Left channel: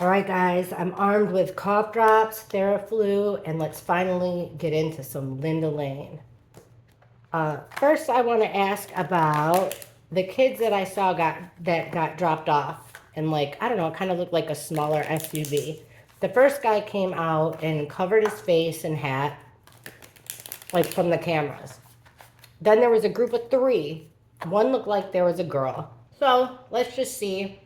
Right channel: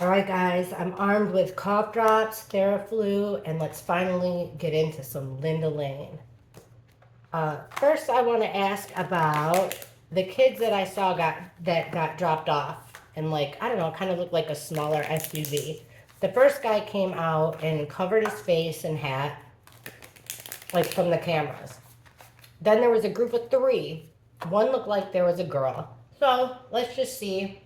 All right, guys, I'm armed with cough drops, Theraflu, and let's finally get into some Linda Lane. First, I want to ask about the kids that I saw that got dropped off, and like I don't know, kind of looked like a smaller SUV. The first guy came out and covered his face and hat, like from the cameras. Then there was a group of three. One looked like there was a girl. So let's just see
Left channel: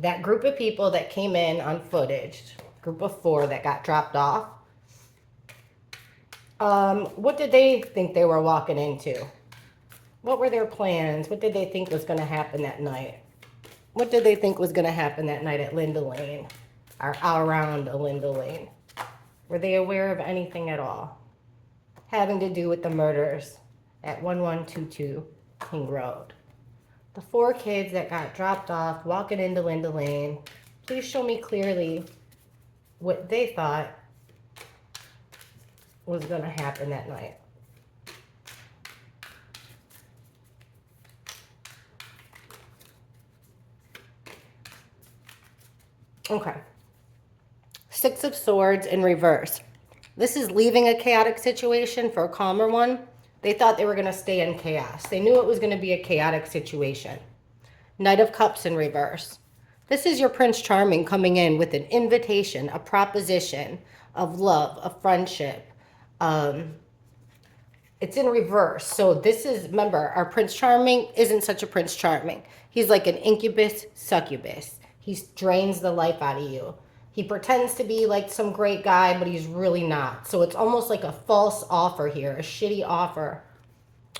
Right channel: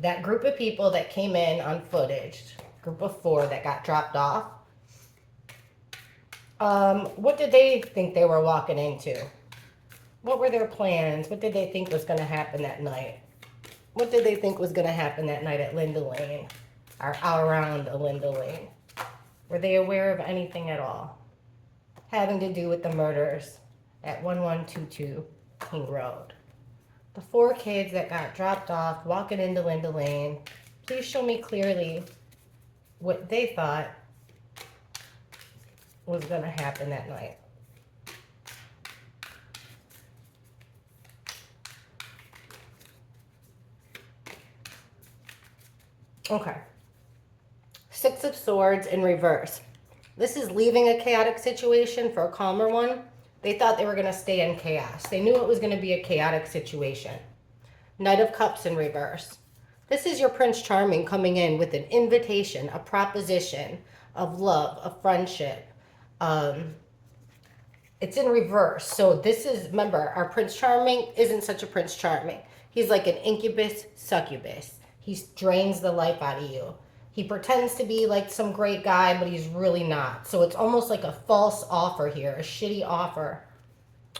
that group of people that came in on footage, group of four that got dropped off. What did they think they were walking into? What were their plans? What did they think was going to happen that night? What did they think was going to happen that night at Linda Lane or around Linda Lane? Were they aware of anything at all having to do with the murders at 1122 King Road? The four kids that got dropped off walking into Linda Lane, please show me clearly what they thought was going to happen that night. Okay. Six of Swords in reverse. This is leaving a chaotic situation for a calmer one. They thought they were going to stay in chaos. They knew it was going to be a chaotic situation. Knight of Cups in reverse. This is your Prince Charming coming in with an invitation, a proposition of love, of friendship. It's in reverse. So this is, remember, our Prince Charming isn't such a Prince Charming. He's like an incubus succubus. He drains the life out of you. He pretends to be like some great guy, but he's really not. So it's almost like a false offer here, a shitty offer,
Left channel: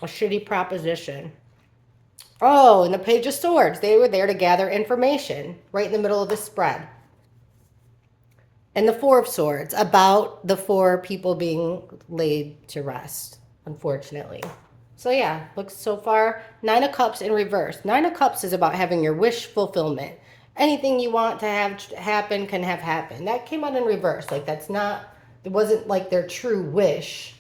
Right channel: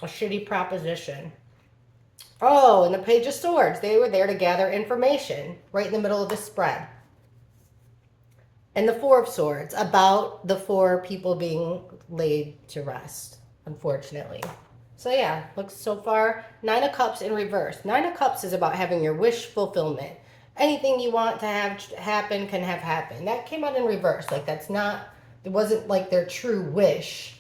a shitty proposition. Oh, and the Page of Swords. They were there to gather information right in the middle of the spread. And the Four of Swords, about the four people being laid to rest, unfortunately. So yeah, looks so far. Nine of Cups in reverse. Nine of Cups is about having your wish fulfillment. Anything you want to have happen can have happen. That came out in reverse. Like that's not, it wasn't like their true wish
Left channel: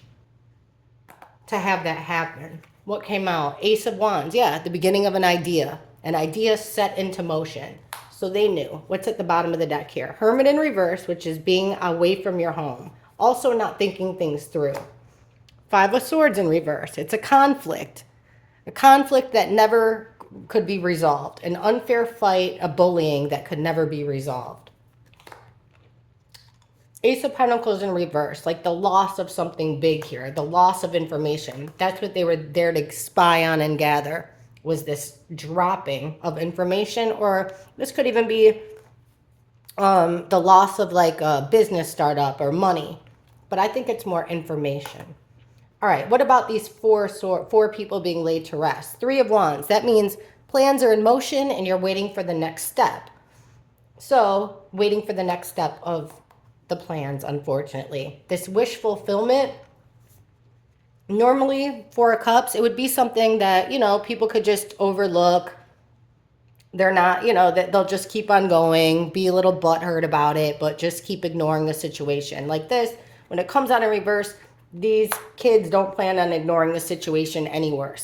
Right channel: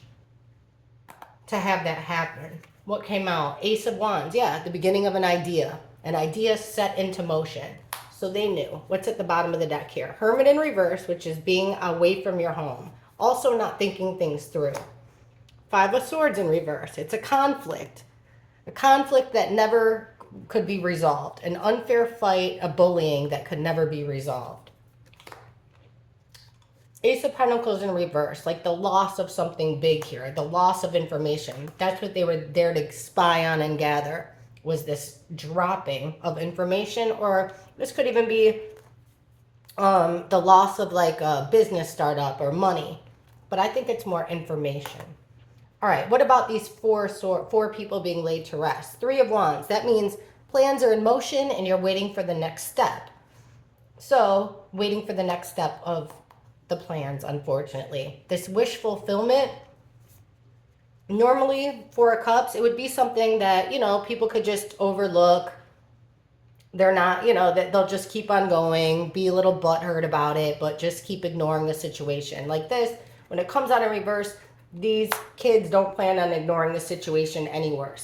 to have that happen. What came out? Ace of Wands. Yeah, at the beginning of an idea set into motion. So they knew. What's at the bottom of the deck here? Hermit in reverse, which is being away from your home. Also not thinking things through. Five of Swords in reverse. It's a conflict. A conflict that never could be resolved. An unfair fight, a bullying that could never be resolved. Ace of Pentacles in reverse, like the loss of something big here, the loss of information. That's what they were there to spy on and gather, was this dropping of information, or this could even be the loss of like a business startup or money. But I think it's more information. All right, what about these four people being laid to rest? Three of Wands. That means plans are in motion and you're waiting for the next step. So, waiting for the next step of the plans, unfortunately. This wish fulfillment, normally Four of Cups, it would be something that, people could just overlook. They're not, that they'll just keep on going, be a little butthurt about it, but just keep ignoring the situation. Like this, when it comes out in reverse, these kids don't plan on ignoring the situation anymore.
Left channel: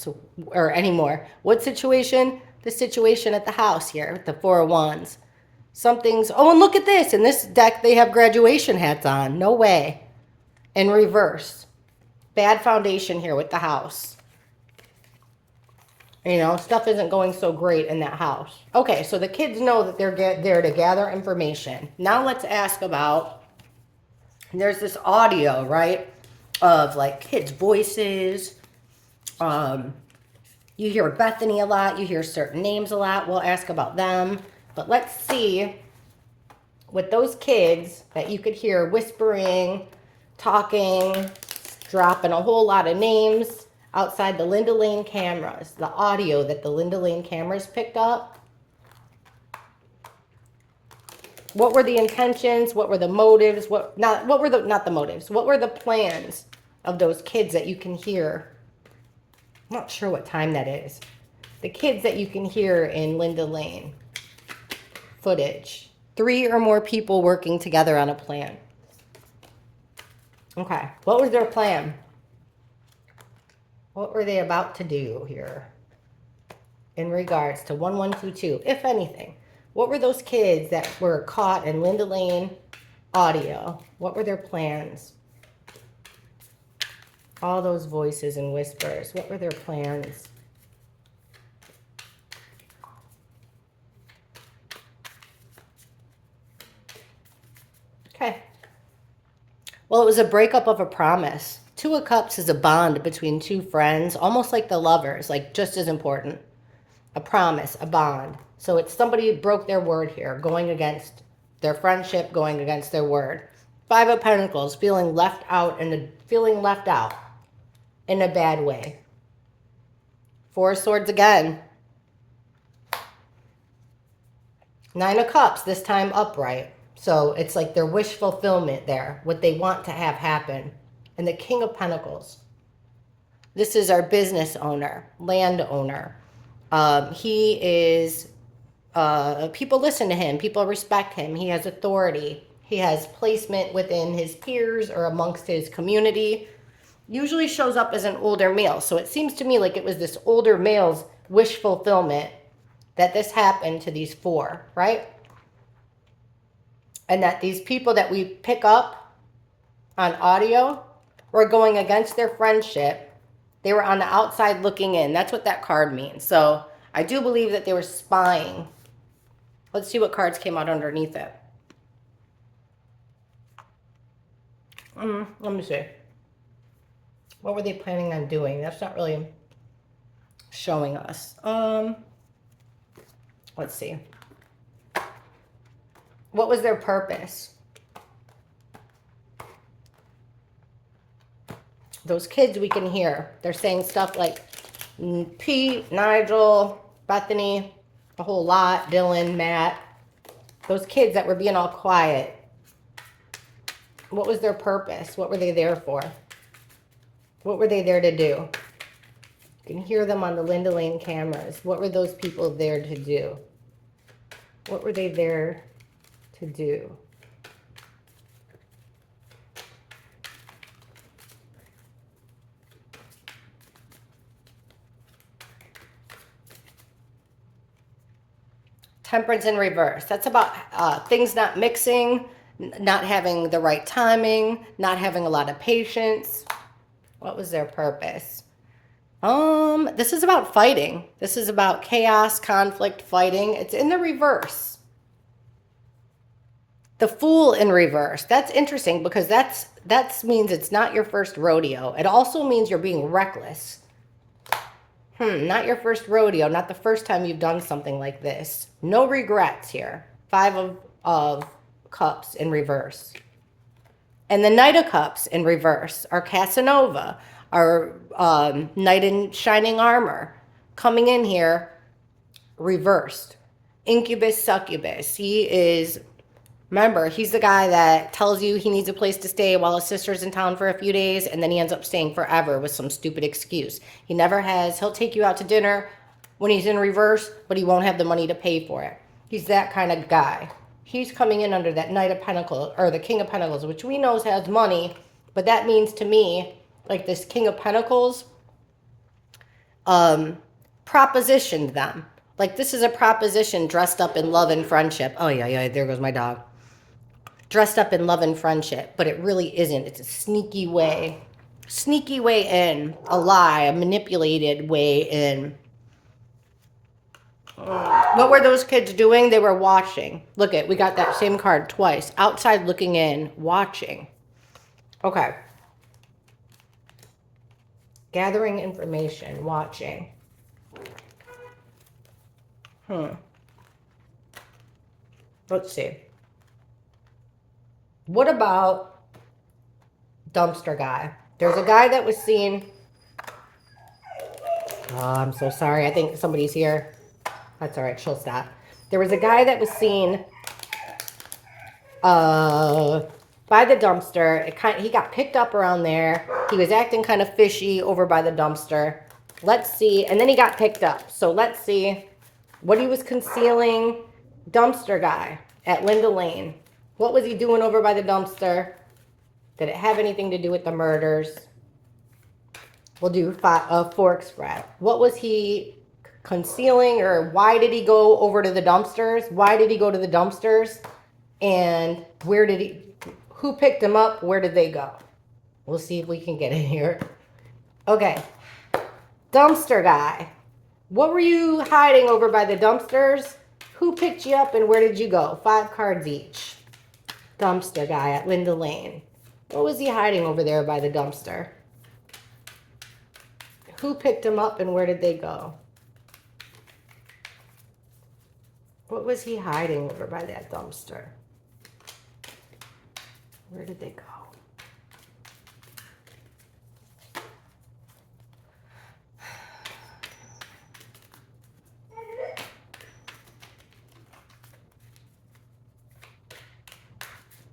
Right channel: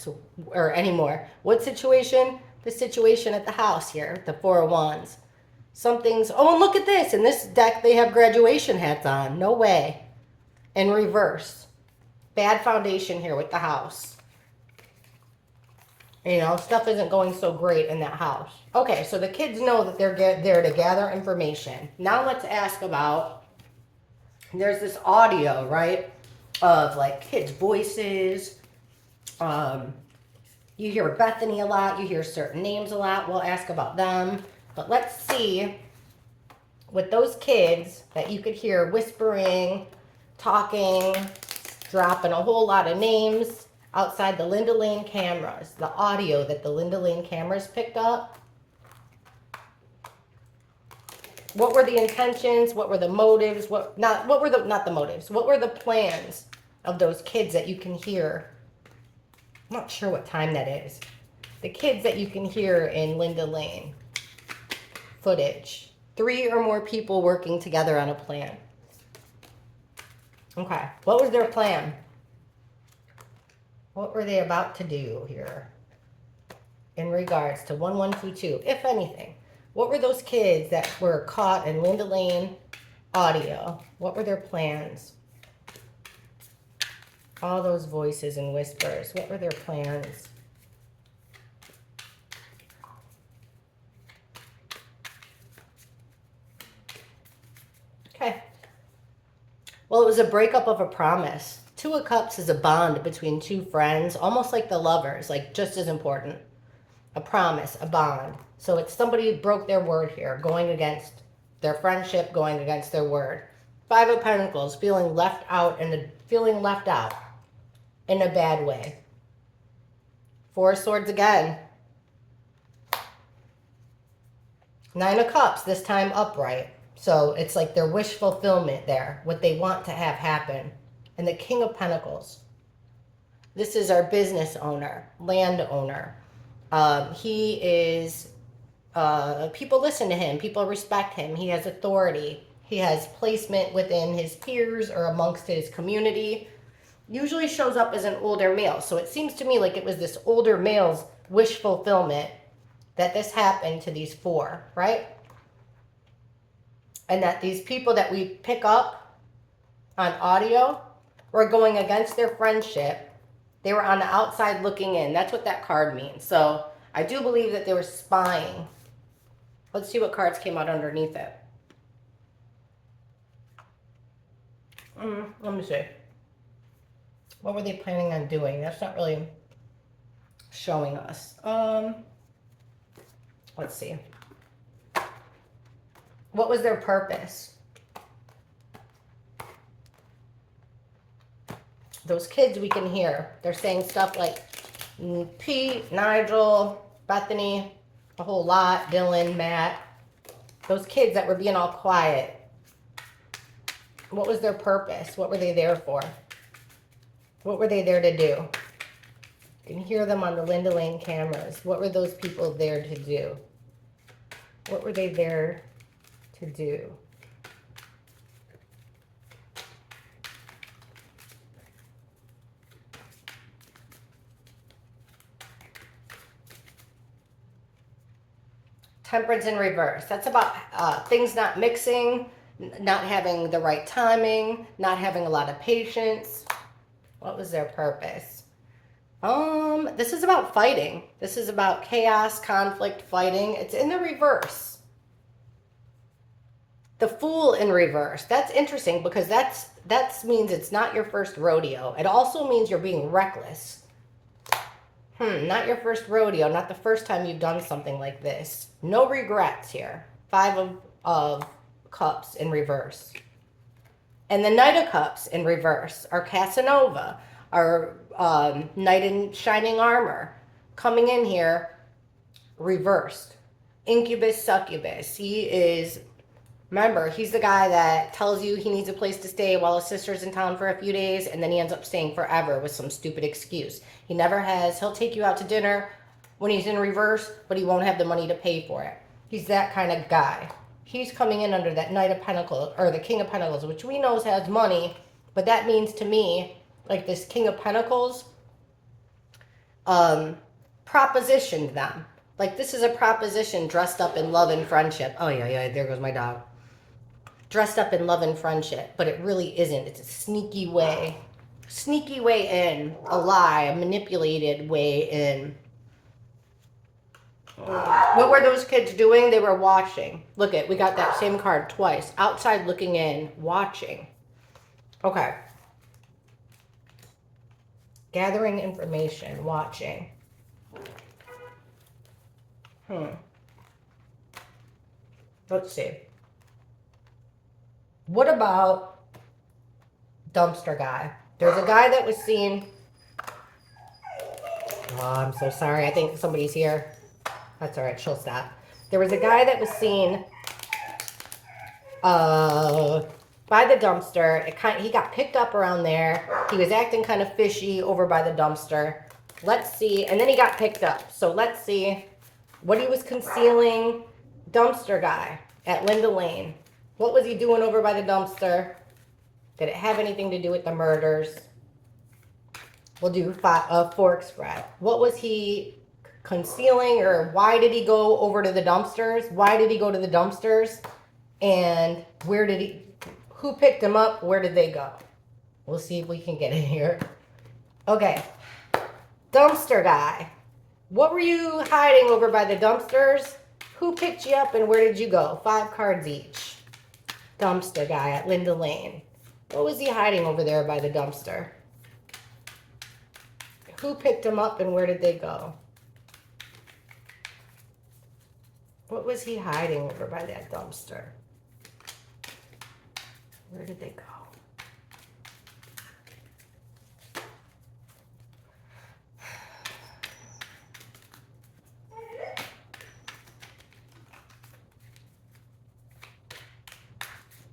What situation? The situation at the house here, the Four of Wands. Something's, oh, and look at this. In this deck, they have graduation hats on. No way. In reverse. Bad foundation here with the house. Stuff isn't going so great in that house. Okay, so the kids know that they're there to gather information. Now let's ask about, there's this audio, right, of like kids' voices. You hear Bethany a lot. You hear certain names a lot. We'll ask about them. But let's see, with those kids that you could hear whispering, talking, dropping a whole lot of names outside the Linda Lane cameras, the audio that the Linda Lane cameras picked up. What were the intentions? What were the motives? Not the motives. What were the plans of those kids that you can hear? I'm not sure what time that is. The kids that you can hear in Linda Lane footage. 3 or more people working together on a plan. Okay, what was their plan? What were they about to do here in regards to 1122, if anything? What were those kids that were caught in Linda Lane audio? What were their plans? All those voices and whispers. What were their plans? Okay. Well, it was a breakup of a promise. Two of Cups is a bond between two friends, almost like the lovers, like just as important. A promise, a bond. So it's somebody who broke their word here, going against their friendship, going against their word. Five of Pentacles, feeling left out in a bad way. Four of Swords again. Nine of Cups, this time upright. So it's like their wish fulfillment there, what they want to have happen. And the King of Pentacles. This is our business owner, landowner. He is, people listen to him. People respect him. He has authority. He has placement within his peers or amongst his community. Usually shows up as an older male. So it seems to me like it was this older male's wish fulfillment that this happened to these four, right? And that these people that we pick up on audio were going against their friendship. They were on the outside looking in. That's what that card means. So I do believe that they were spying. Let's see what cards came out underneath it. Let me see. What were they planning on doing? That's not really showing us. Let's see. What was their purpose? Those kids we can hear. They're saying stuff like Pete, Nigel, Bethany, a whole lot, Dylan, Matt. Those kids that were being all quiet. What was their purpose? What were they there for? What were they there to do? You can hear them on the Linda Lane cameras. What were those people there to do? What were they there to do? Temperance in reverse. That's about things not mixing, not having the right timing, not having a lot of patience. What was their purpose? This is about fighting. This is about chaos, conflict, fighting. It's in the reverse. The Fool in reverse. That's interesting because that means it's not your first rodeo. It also means you're being reckless. Not your first rodeo, not the first time you've done something like this. No regrets here. Five of Cups in reverse. And the Knight of Cups in reverse are Casanova, our Knight in Shining Armor, coming in here reversed. Incubus, succubus. He is, remember, he's the guy that tells you he needs a place to stay while his sister's in town for a few days, and then he ends up staying forever with some stupid excuse. He never has. He'll take you out to dinner when he's in reverse, but he won't have the money to pay for it. He's that kind of guy. He's coming in under that Knight of Pentacles, or the King of Pentacles, which we know has money, but that means to me, like this King of Pentacles, propositioned them. Like this is a proposition dressed up in love and friendship. Oh yeah, there goes my dog. Dressed up in love and friendship, but it really isn't. It's a sneaky way in, a lie, a manipulated way in. What were those kids doing? They were watching. Look we got that same card twice. Outside looking in, watching. Okay. Gathering information, watching. Let's see. What about dumpster guy? There's a guy that was seen. Oh, I'm so sorry. I think somebody's here. That's all right. She'll stop. There was a guy that was seen by the dumpster. He got picked up around there. He was acting kind of fishy over by the dumpster. Let's see. And then he got picked up. So let's see what he was concealing. Dumpster guy at Linda Lane. What was he doing over by the dumpster? Did it have anything to do with the murders? We'll do a fork spread. What was he concealing, or why did he go over to the dumpsters? Why did he go to the dumpsters? And who picked him up? Where did they go? We'll see if we can get in here. Okay. Dumpster guy. What were you hiding over by the dumpsters? Who picked you up and where did you go? 5 cards each. Dumpster guy at Linda Lane. What was he hiding over there by the dumpster? Who picked him up and where did they go? What was he hiding over by that dumpster? Where did they go?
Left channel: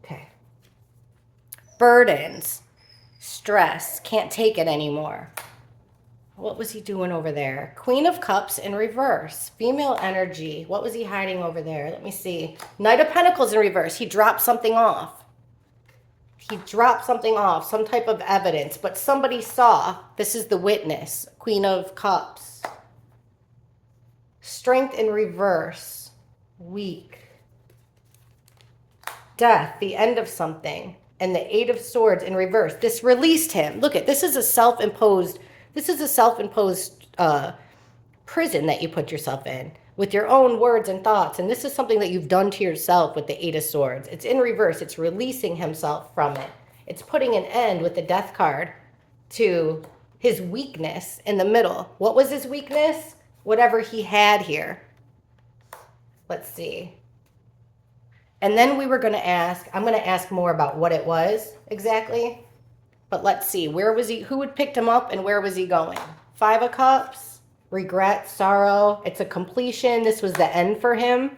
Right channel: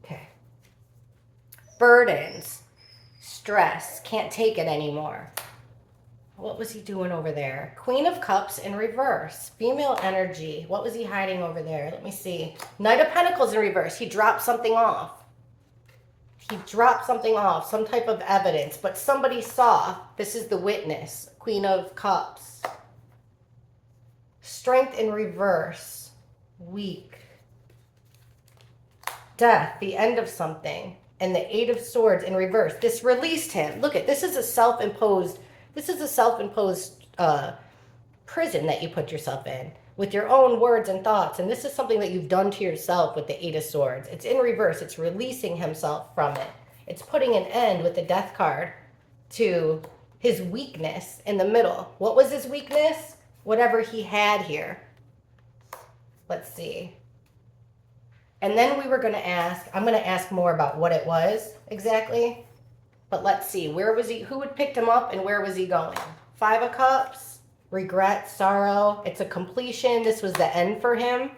Okay. Burdens. Stress. Can't take it anymore. What was he doing over there? Queen of Cups in reverse. Female energy. What was he hiding over there? Let me see. Knight of Pentacles in reverse. He dropped something off. He dropped something off. Some type of evidence. But somebody saw. This is the witness. Queen of Cups. Strength in reverse. Weak. Death. The end of something. And the 8 of Swords in reverse. This released him. Look at this. Is a self-imposed... This is a self-imposed prison that you put yourself in with your own words and thoughts. And this is something that you've done to yourself with the 8 of Swords. It's in reverse. It's releasing himself from it. It's putting an end with the Death card to his weakness in the middle. What was his weakness? Whatever he had here. Let's see. And then we were going to ask, I'm going to ask more about what it was exactly. But let's see, where was he? Who had picked him up and where was he going? 5 of Cups, regret, sorrow. It's a completion. This was the end for him.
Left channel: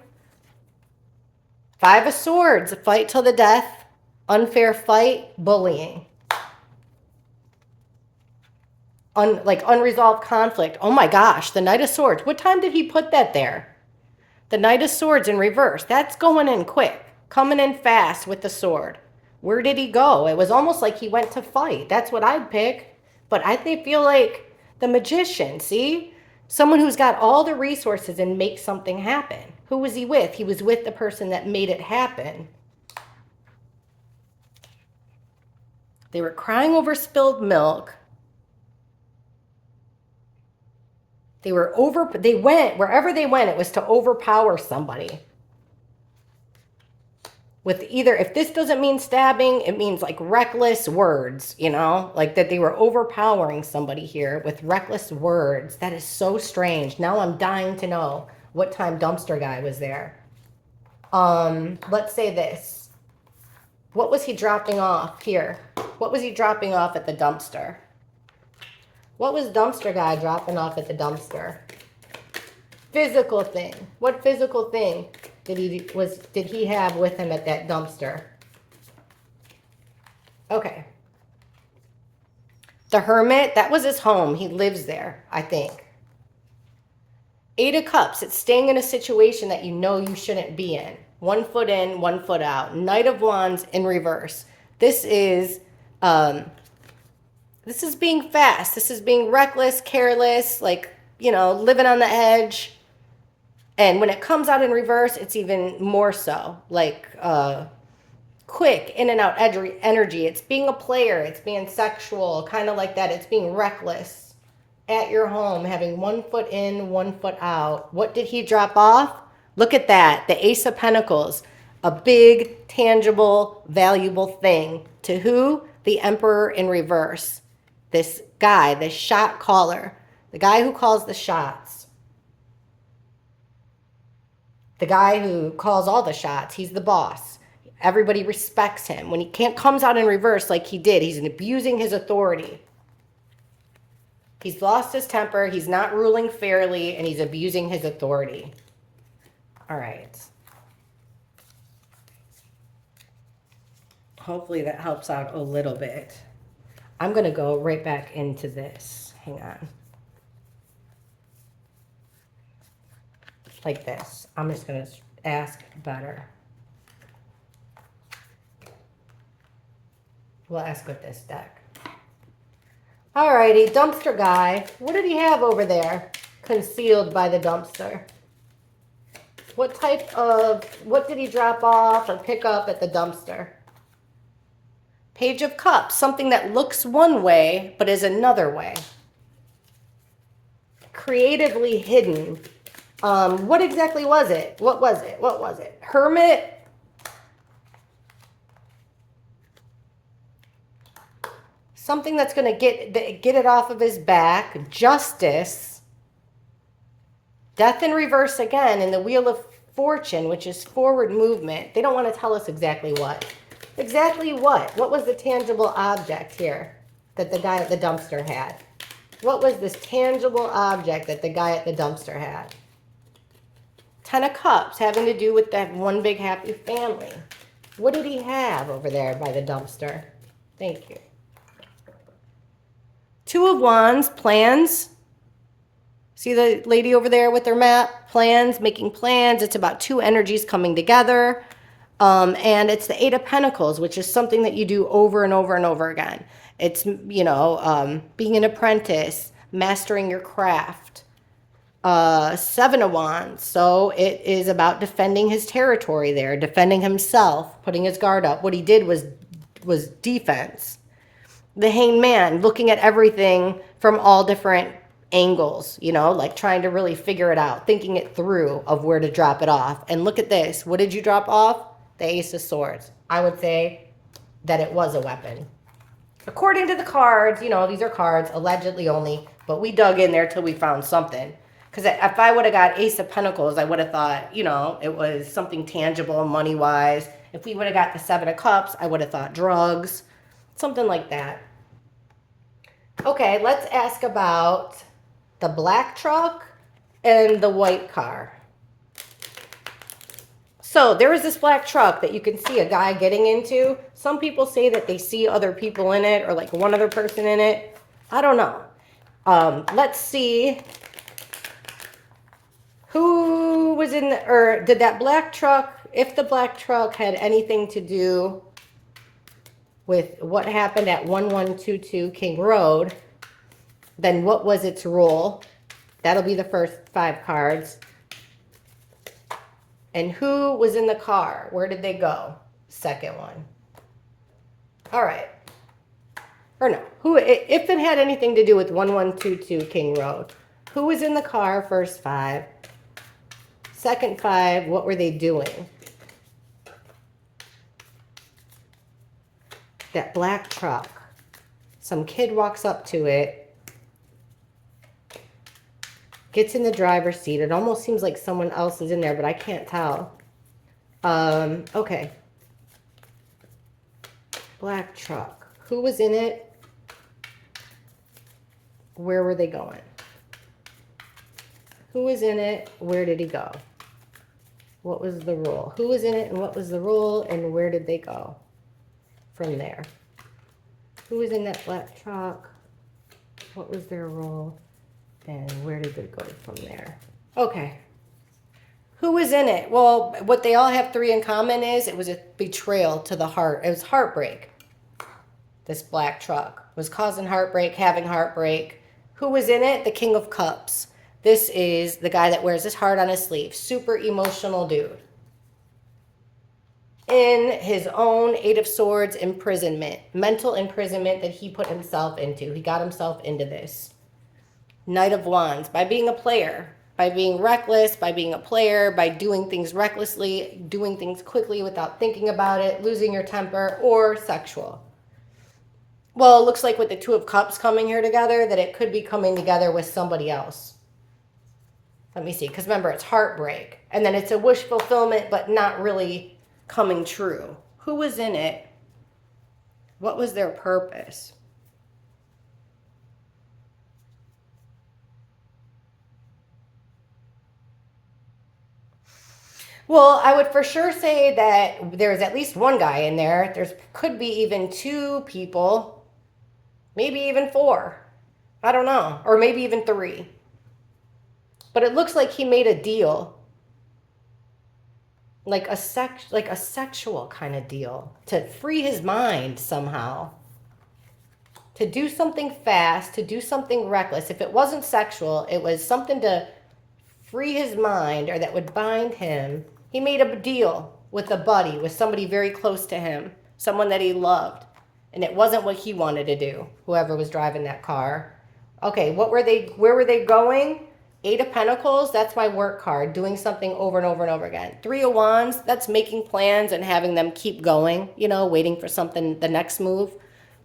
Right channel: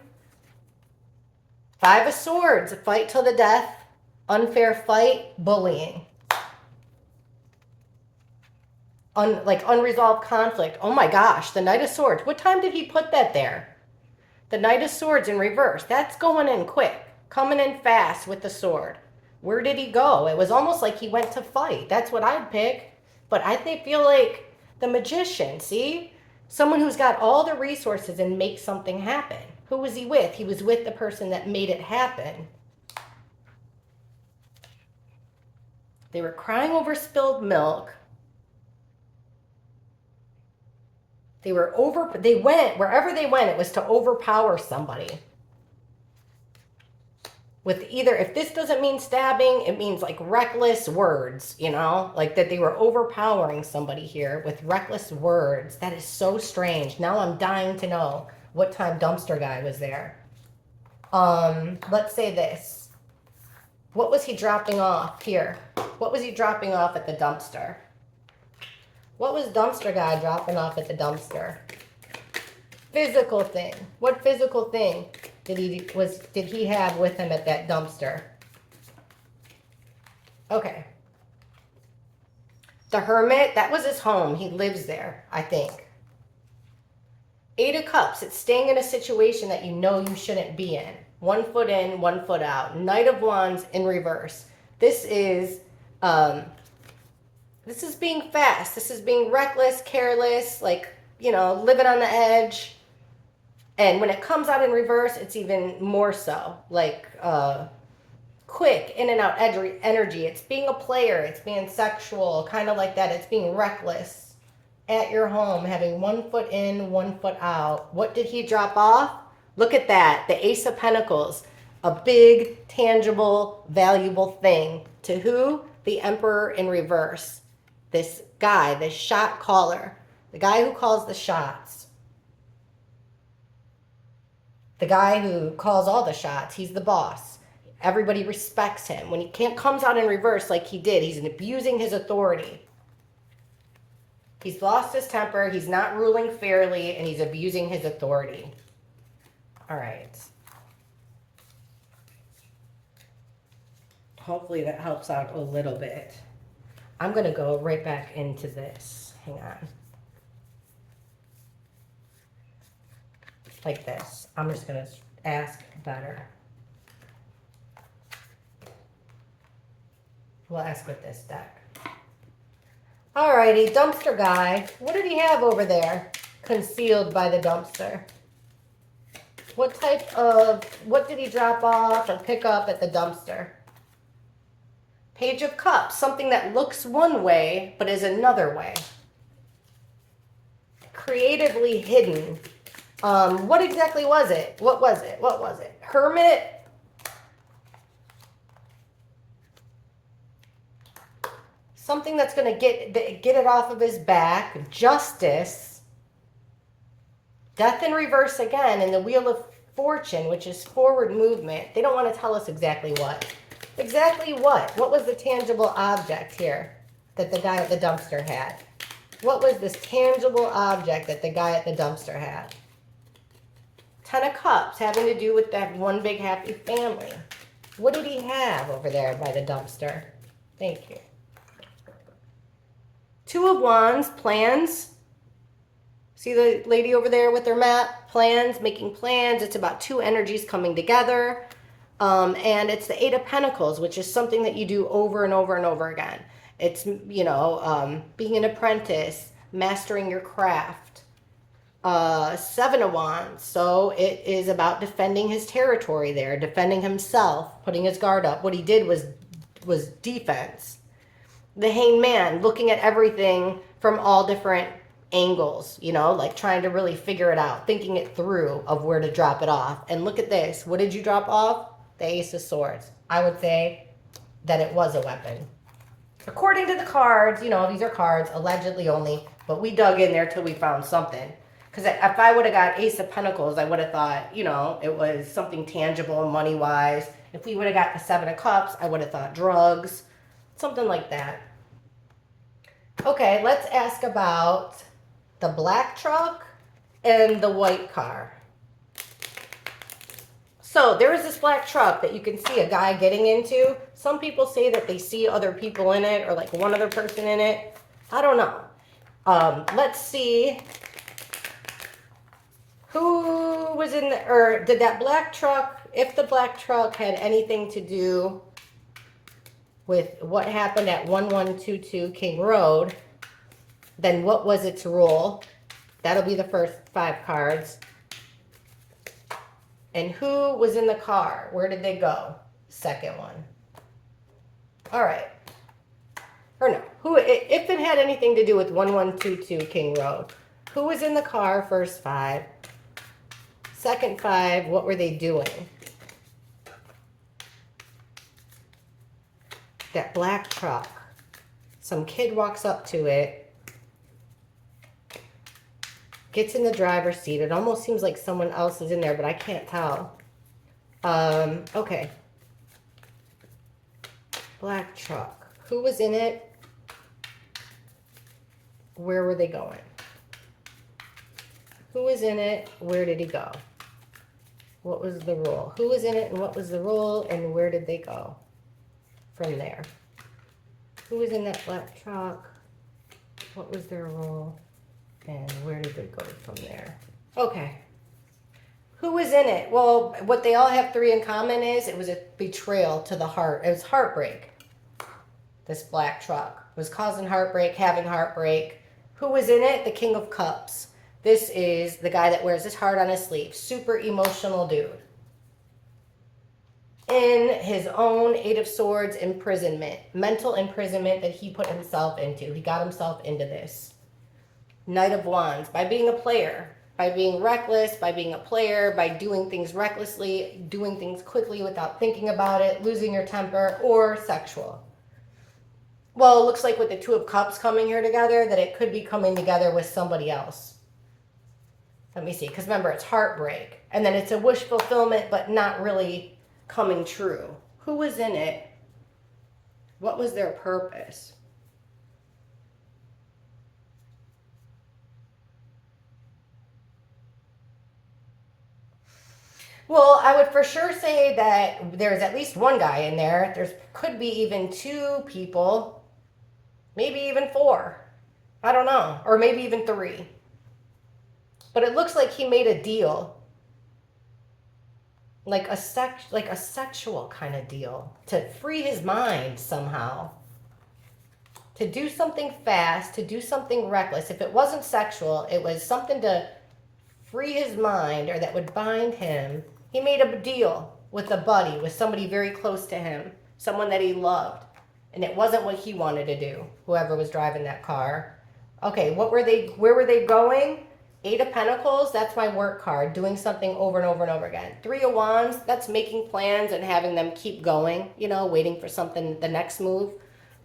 5 of Swords, a fight till the death, unfair fight, bullying. Unresolved conflict. Oh my gosh, the Knight of Swords. What time did he put that there? The Knight of Swords in reverse. That's going in quick, coming in fast with the sword. Where did he go? It was almost like he went to fight. That's what I'd pick. But I feel like the Magician, see? Someone who's got all the resources and makes something happen. Who was he with? He was with the person that made it happen. They were crying over spilled milk. They went, wherever they went, it was to overpower somebody. With either, if this doesn't mean stabbing, it means like reckless words, you know, like that they were overpowering somebody here with reckless words. That is so strange. Now I'm dying to know what time dumpster guy was there. Let's say this. What was he dropping off here? What was he dropping off at the dumpster? What was dumpster guy dropping off at the dumpster? Physical thing. What physical thing did he have with him at that dumpster? Okay. The Hermit, that was his home. He lives there, I think. 8 of Cups, it's staying in a situation that you know you shouldn't be in. 1 foot in, 1 foot out. Knight of Wands in reverse. This is being fast. This is being reckless, careless, like, you know, living on the edge. And when it comes out in reverse, it's even more so. Like, quick, in and out energy. It's being a player. It's being sexual, kind of like that. It's being reckless at your home, having 1 foot in, 1 foot out. What did he drop off? Look at that. The Ace of Pentacles. A big, tangible, valuable thing. To who? The Emperor in reverse. This guy, the shot caller. The guy who calls the shots. The guy who calls all the shots. He's the boss. Everybody respects him. When he comes out in reverse like he did, he's abusing his authority. He's lost his temper. He's not ruling fairly, and he's abusing his authority. All right. Hopefully that helps out a little bit. I'm going to go right back into this. Hang on. Like this. I'm just going to ask better. We'll ask with this deck. Alrighty, dumpster guy. What did he have over there? concealed by the dumpster? What did he drop off or pick up at the dumpster? Page of Cups, something that looks one way, but is another way. Creatively hidden. What exactly was it? What was it? What was it? Hermit? Something that's going to get it off of his back. Justice. Death in reverse again, and the Wheel of Fortune, which is forward movement. They don't want to tell us exactly what. Exactly what? What was the tangible object here that the guy at the dumpster had? What was this tangible object that the guy at the dumpster had? 10 of Cups, having to do with that one big happy family. What did he have over there by the dumpster? Thank you. 2 of Wands, plans. See the lady over there with their map? Plans, making plans. It's about 2 energies coming together. And it's the 8 of Pentacles, which is something that you do over and over and over again. It's, you know, being an apprentice, mastering your craft. 7 of Wands. So it is about defending his territory there, defending himself, putting his guard up. What he did was defense. The Hanged Man, looking at everything from all different angles, you know, like trying to really figure it out, thinking it through of where to drop it off. And look at this. What did you drop off? The Ace of Swords. I would say that it was a weapon. According to the cards, you know, these are cards, allegedly only, but we dug in there till we found something. Because if I would have got Ace of Pentacles, I would have thought, you know, it was something tangible, money-wise. If we would have got the 7 of Cups, I would have thought drugs, something like that. Okay, let's ask about the black truck and the white car. So there was this black truck that you can see a guy getting into. Some people say that they see other people in it or like one other person in it. I don't know. Let's see who was in the, or did that black truck, if the black truck had anything to do with what happened at 1122 King Road, then what was its role? That'll be the first 5 cards. And who was in the car? Where did they go? Second one. All right. Or no, who, if it had anything to do with 1122 King Road, who was in the car? First 5. Second 5, what were they doing? That black truck. Some kid walks up to it, gets in the driver's seat. It almost seems like someone else is in there, but I can't tell. Okay. Black truck. Who was in it? Where were they going? Who was in it? Where did he go? What was the role? Who was in it and what was the role and where did they go from there? Who was in that black truck? What was their role? And where did they go from there? Okay. Who was in it? Well, what they all have 3 in common is it was a betrayal to the heart. It was heartbreak. This black truck was causing heartbreak, having heartbreak. Who was in it? The King of Cups. This is the guy that wears his heart on his sleeve. Super emotional dude. In his own 8 of Swords imprisonment. Mental imprisonment that he put himself into. He got himself into this. Knight of Wands. By being a player. By being reckless. By being a player. By doing things recklessly. Doing things quickly without thinking about it. Losing your temper. Or sexual. Well, it looks like with the 2 of Cups coming here together, that it could be coming together with somebody else. Let me see. Because remember, it's heartbreak. And then it's a wish fulfillment, but not really coming true. Who was in it? What was their purpose? Well, I would for sure say that there's at least one guy in there. There's could be even 2 people. Maybe even 4. I don't know. Or maybe even 3. But it looks like he made a deal. Like a sexual kind of deal. To free his mind somehow. to do something fast, to do something reckless. If it wasn't sexual, it was something to free his mind or that would bind him. He made a deal with a buddy, with somebody very close to him, someone that he loved. And it wasn't what he wanted to do, whoever was driving that car. Okay, where were they going? Eight of Pentacles, that's my work card, doing something over and over and over again. Three of Wands, that's making plans and having them keep going, you know, waiting for something, the next move.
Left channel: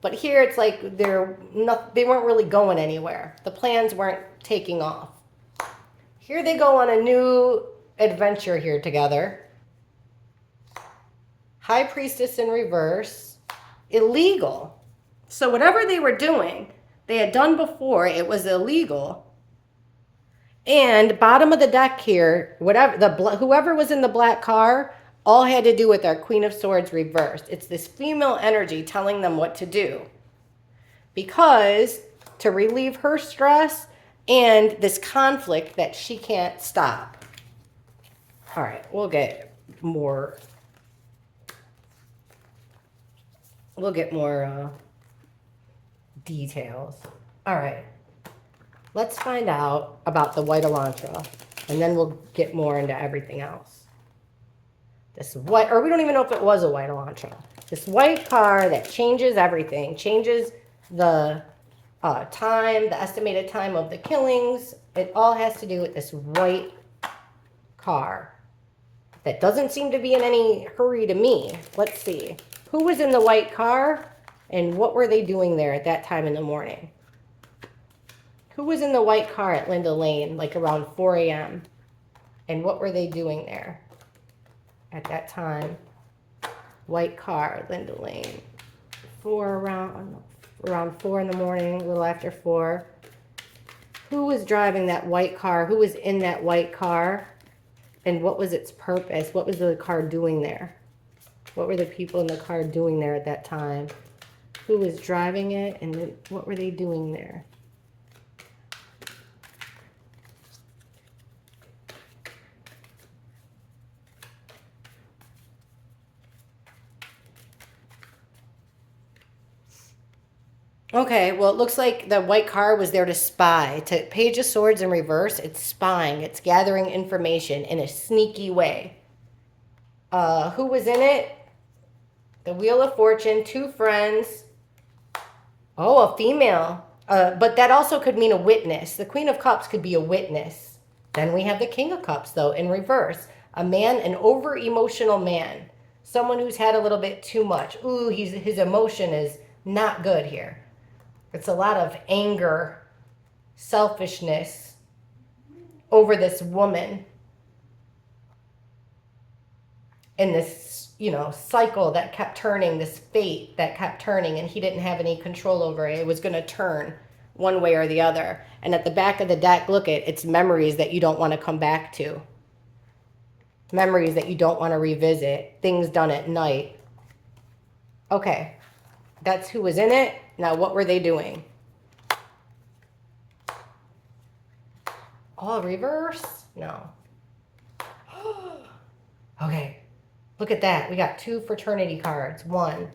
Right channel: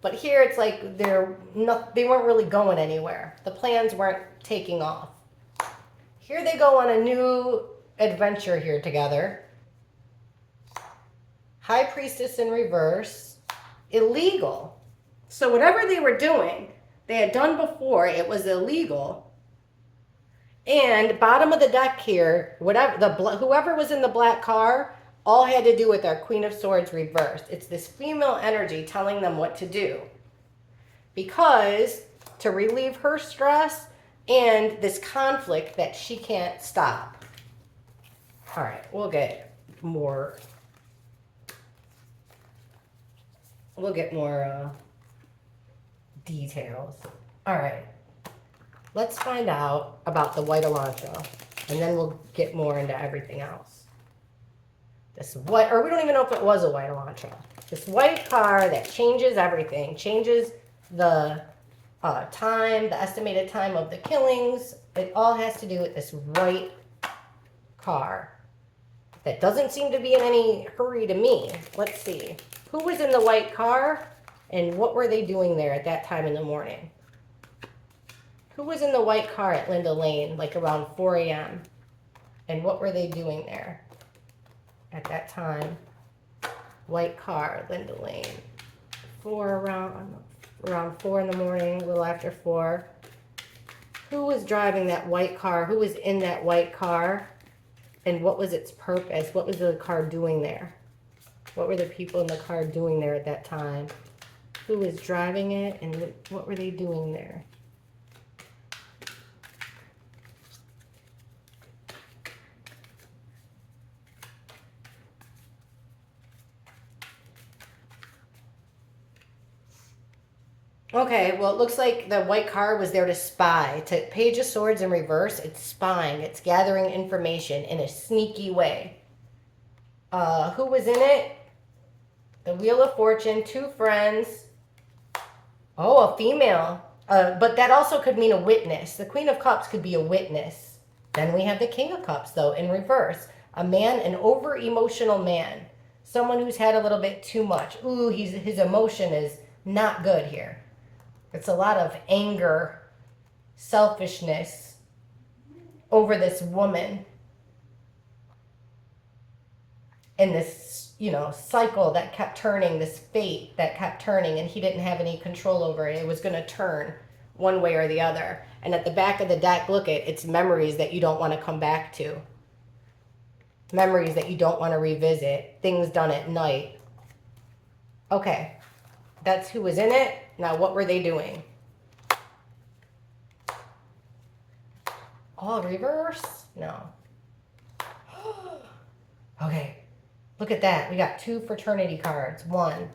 But here it's like they weren't really going anywhere. The plans weren't taking off. Here they go on a new adventure here together. High Priestess in reverse. Illegal. So whatever they were doing, they had done before, it was illegal. And bottom of the deck here, whoever was in the black car, all had to do with our Queen of Swords reversed. It's this female energy telling them what to do. Because to relieve her stress and this conflict that she can't stop. All right, we'll get more details. All right, let's find out about the white Elantra, and then we'll get more into everything else. This white, or we don't even know if it was a white Elantra. This white car that changes everything, changes the time, the estimated time of the killings. It all has to do with this white car that doesn't seem to be in any hurry to me. Let's see. Who was in the white car and what were they doing there at that time in the morning? Who was in the white car at Linda Lane, like around 4 a.m.? And what were they doing there at that time? White car, Linda Lane. Around 4 in the morning, a little after 4. Who was driving that white car? Who was in that white car? And what was its purpose? What was the car doing there? What were the people in the car doing there at that time? Who was driving it and what were they doing there? Okay, well, it looks like the white car was there to spy. To Page of Swords in reverse, it's spying. It's gathering information in a sneaky way. Who was in it? The Wheel of Fortune, 2 friends. Oh, a female. But that also could mean a witness. The Queen of Cups could be a witness. Then we have the King of Cups, though, in reverse. A man, an over-emotional man. Someone who's had a little bit too much. Ooh, his emotion is not good here. It's a lot of anger, selfishness over this woman. And this, cycle that kept turning, this fate that kept turning, and he didn't have any control over it. It was going to turn one way or the other. And at the back of the deck, look at it's memories that you don't want to come back to. Memories that you don't want to revisit. Things done at night. Okay. That's who was in it. Now, what were they doing? All reverse? No. Okay. Look at that. We got 2 fraternity cards. 1,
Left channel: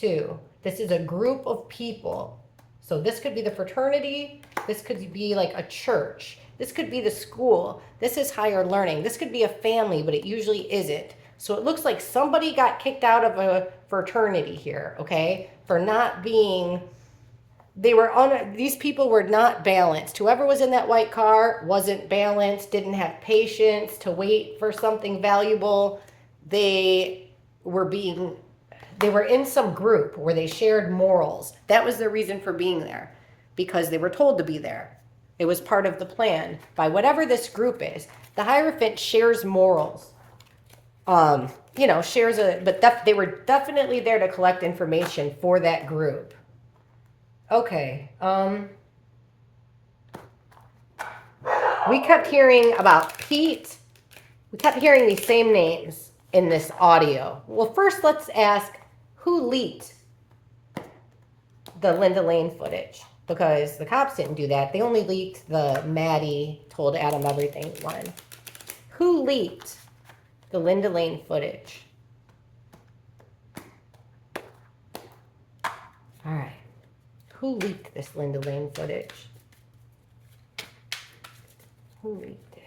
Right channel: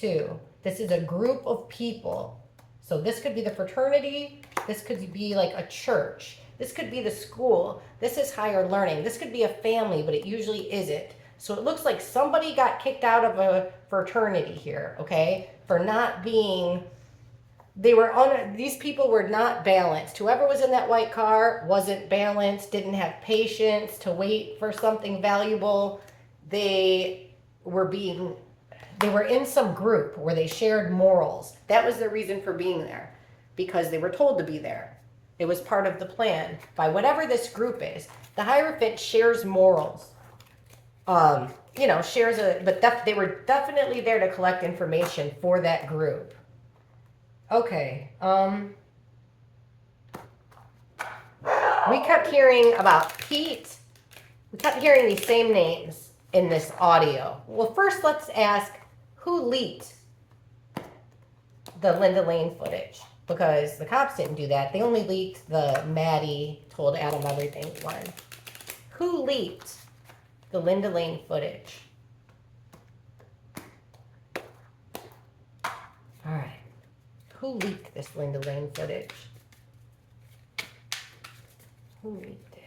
2. This is a group of people. So this could be the fraternity. This could be like a church. This could be the school. This is higher learning. This could be a family, but it usually isn't. So it looks like somebody got kicked out of a fraternity here, okay? For not being, these people were not balanced. Whoever was in that white car wasn't balanced, didn't have patience to wait for something valuable. They were in some group where they shared morals. That was their reason for being there, because they were told to be there. It was part of the plan by whatever this group is. The Hierophant shares morals. But they were definitely there to collect information for that group. Okay. We kept hearing about Pete. We kept hearing these same names in this audio. Well, first let's ask who leaked the Linda Lane footage, because the cops didn't do that. They only leaked the Maddie told Adam everything one. Who leaked the Linda Lane footage? All right. Who leaked this Linda Lane footage? Who leaked it?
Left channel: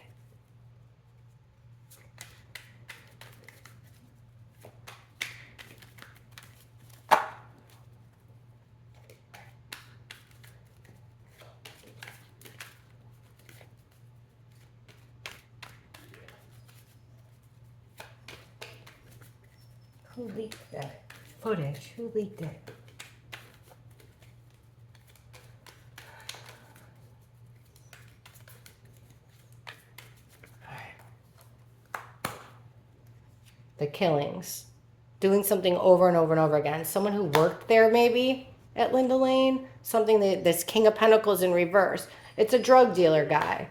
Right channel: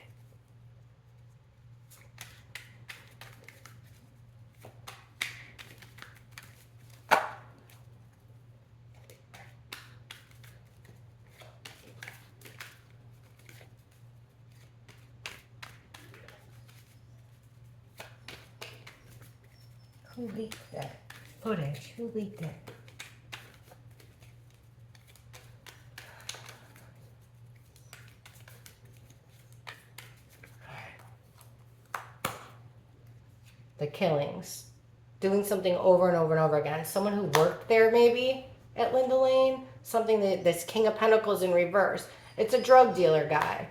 Who leaked that footage? Who leaked it? The killings. Doing something over and over and over again. Someone who worked there maybe at Linda Lane. Something that this King of Pentacles in reverse. It's a drug dealer guy.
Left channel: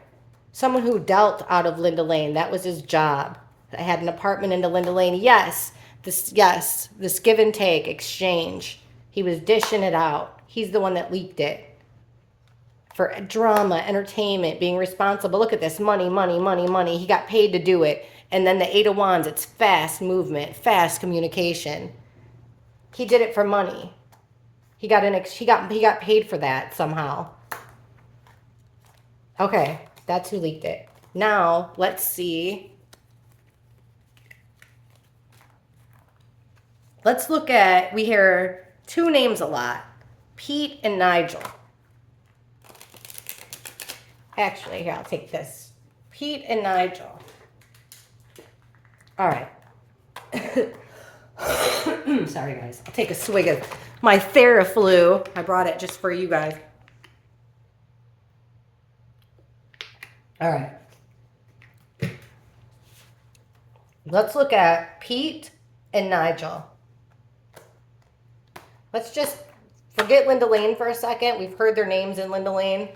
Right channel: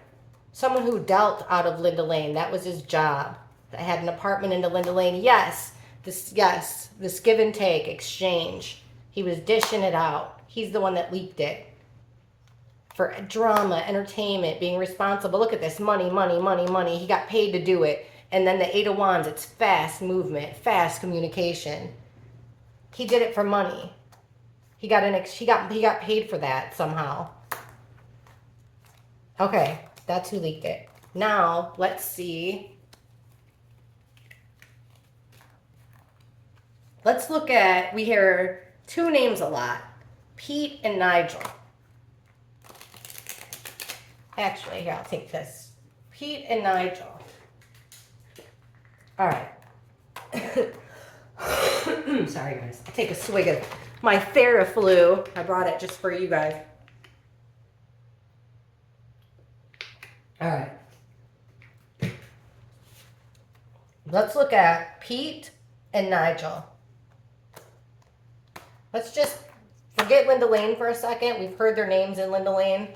Someone who dealt out of Linda Lane. That was his job. I had an apartment into Linda Lane. Yes, this give and take, exchange. He was dishing it out. He's the one that leaked it. For drama, entertainment, being responsible. Look at this. Money, money, money, money. He got paid to do it. And then the Eight of Wands, it's fast movement, fast communication. He did it for money. He got paid for that somehow. Okay, that's who leaked it. Now, let's see. Let's look at, we hear two names a lot. Pete and Nigel. Actually, here, I'll take this. Pete and Nigel. All right. Sorry, guys. I'll take a swig of my Theraflu. I brought it just for you guys. All right. Let's look at Pete and Nigel. Let's just forget Linda Lane for a second. We've heard their names in Linda Lane.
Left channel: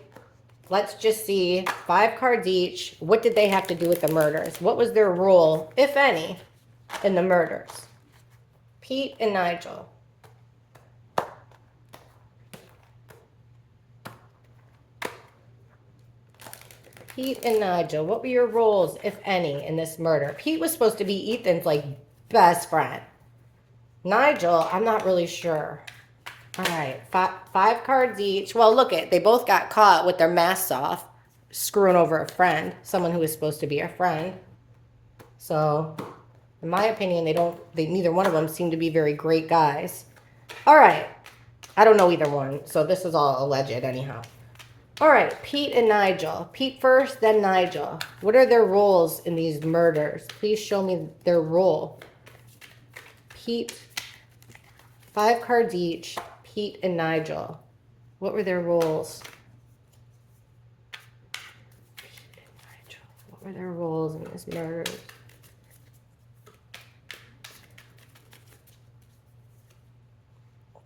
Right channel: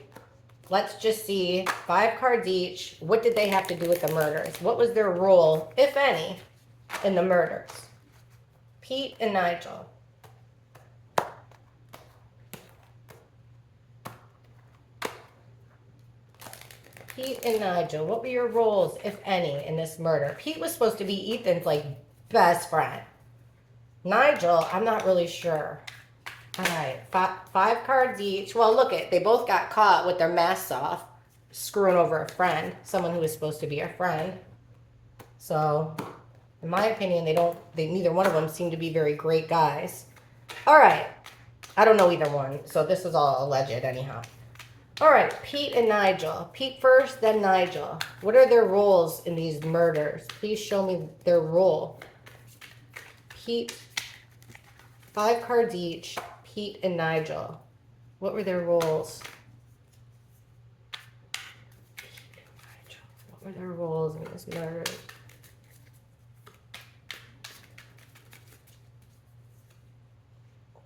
Let's just see, 5 cards each. What did they have to do with the murders? What was their role, if any, in the murders? Pete and Nigel. Pete and Nigel, what were your roles, if any, in this murder? Pete was supposed to be Ethan's, like, best friend. Nigel, I'm not really sure. All right, 5 cards each. Well, look they both got caught with their masks off, screwing over a friend, someone who was supposed to be a friend. So, in my opinion, neither one of them seem to be very great guys. All right, I don't know either one, so this is all alleged anyhow. All right, Pete and Nigel. Pete first, then Nigel. What are their roles in these murders? Please show me their role. Pete, 5 cards each. Pete and Nigel. What were their roles? Pete and Nigel. What were their roles in this murder?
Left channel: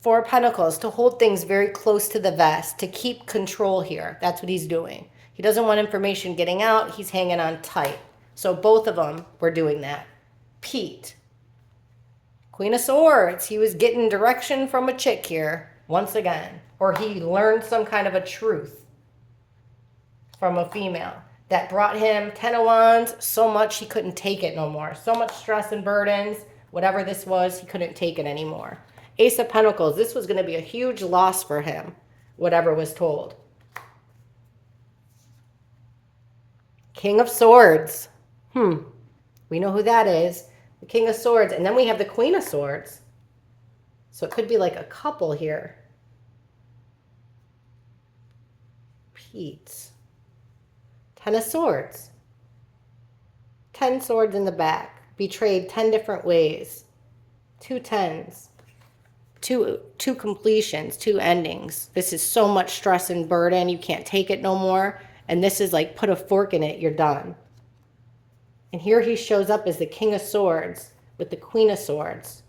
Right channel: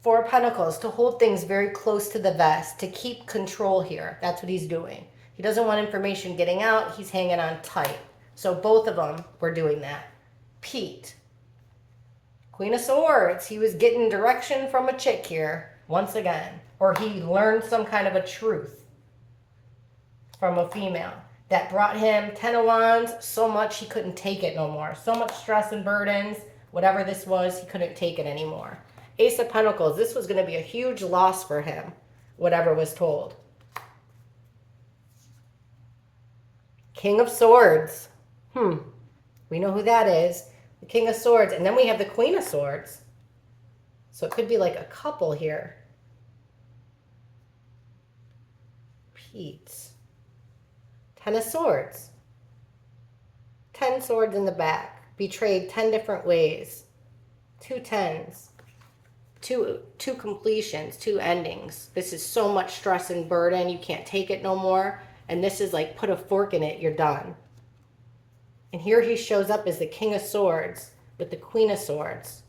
Four of Pentacles, to hold things very close to the vest, to keep control here. That's what he's doing. He doesn't want information getting out. He's hanging on tight. So both of them were doing that. Pete. Queen of Swords. He was getting direction from a chick here, once again. Or he learned some kind of a truth from a female that brought him 10 of Wands so much he couldn't take it no more. So much stress and burdens. Whatever this was, he couldn't take it anymore. Ace of Pentacles. This was going to be a huge loss for him, whatever was told. King of Swords. We know who that is. The King of Swords. And then we have the Queen of Swords. So it could be like a couple here. Pete. 10 of Swords. 10 swords in the back. Betrayed 10 different ways. 2 tens. Two completions. 2 endings. This is so much stress and burden. You can't take it no more. And this is like, put a fork in it. You're done. And here he shows up as the King of Swords with the Queen of Swords.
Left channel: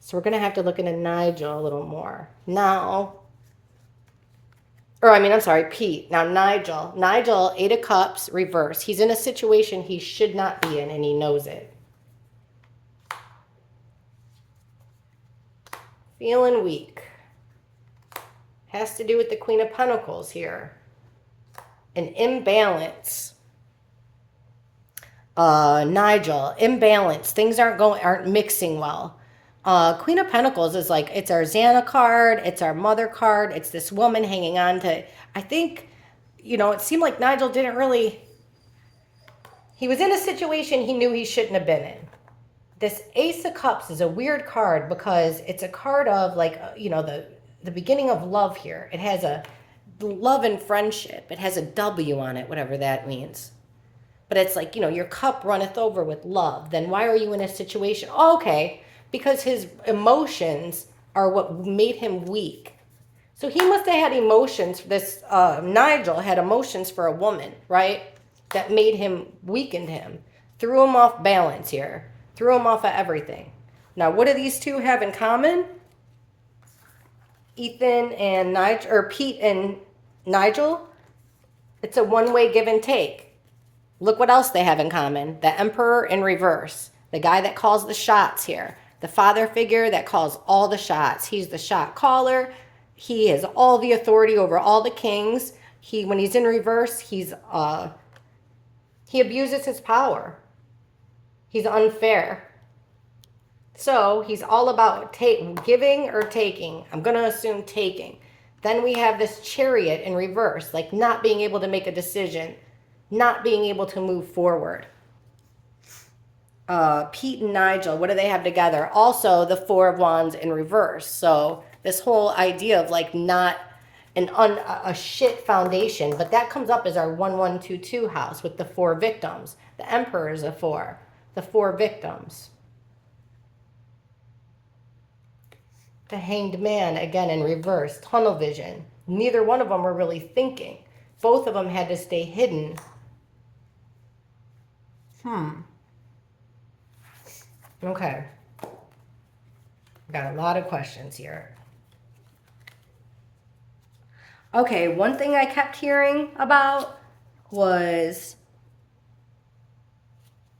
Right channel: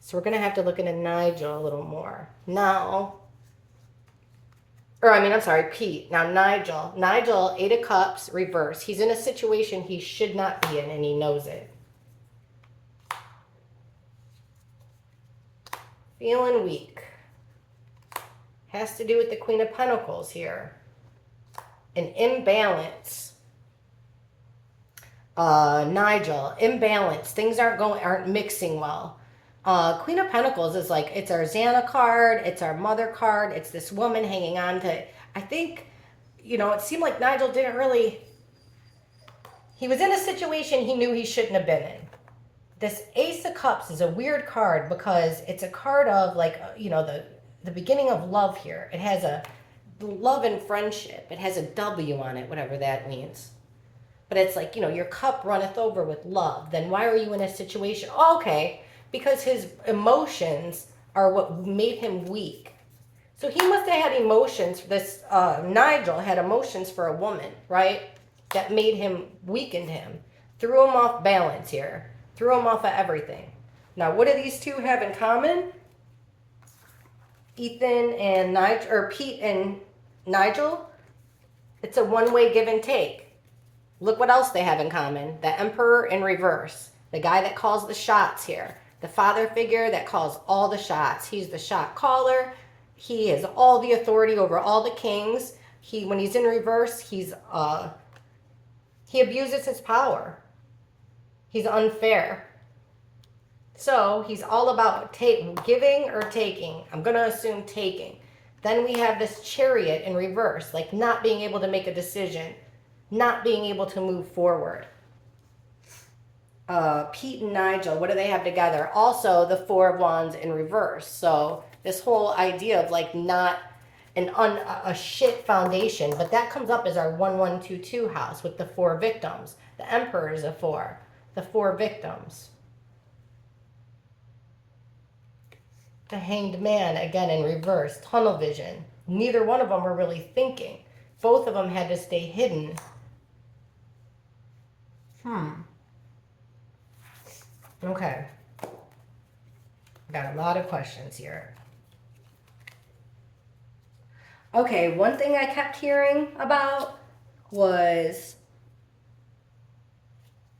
So we're going to have to look into Nigel a little more. Now, Pete. Now Nigel. Nigel, 8 of Cups, reverse. He's in a situation he should not be in, and he knows it. Feeling weak. Has to do with the Queen of Pentacles here. An imbalance. Nigel, imbalance. Things aren't mixing well. Queen of Pentacles is like, it's our Xana card, it's our mother card, it's this woman hanging on to, I think, it seemed like Nigel didn't really, he was in a situation he knew he shouldn't have been in. This Ace of Cups is a weird card because it's a card of like, the beginning of love here. It has a love and friendship. It has a W on it, whatever that means. But it's like, your cup runneth over with love. Then why are you in a situation? Oh, okay, because his emotions are what made him weak. So he must have had emotions. This Nigel had emotions for a woman, right? That made him, weakened him, threw him off balance here, threw him off of everything. Now, what do these two have in common? Ethan and Nigel, or Pete and Nigel. It's a one-way give and take. Look what else they have in common. The Emperor in reverse. The guy that calls the shots here. The father figure that calls all the shots. He's the shot caller. He has all the authority over all the kings. When he's in reverse, he abuses his power. He's unfair. So he's all about giving or taking. I'm going to assume taking. Then we have this Chariot in reverse, like not being able to make a decision, not being able to move forward. Pete and Nigel, what do they have together? Also, the Four of Wands in reverse. So this whole idea of like not a shit foundation, but that comes up as our 1122 house with the 4 victims. The Emperor is a 4. The 4 victims. The Hanged Man, again in reverse. Tunnel vision. Neither one of them were really thinking. Both of them had to stay hidden. Okay. Got a lot of questions here. Okay, one thing I kept hearing about was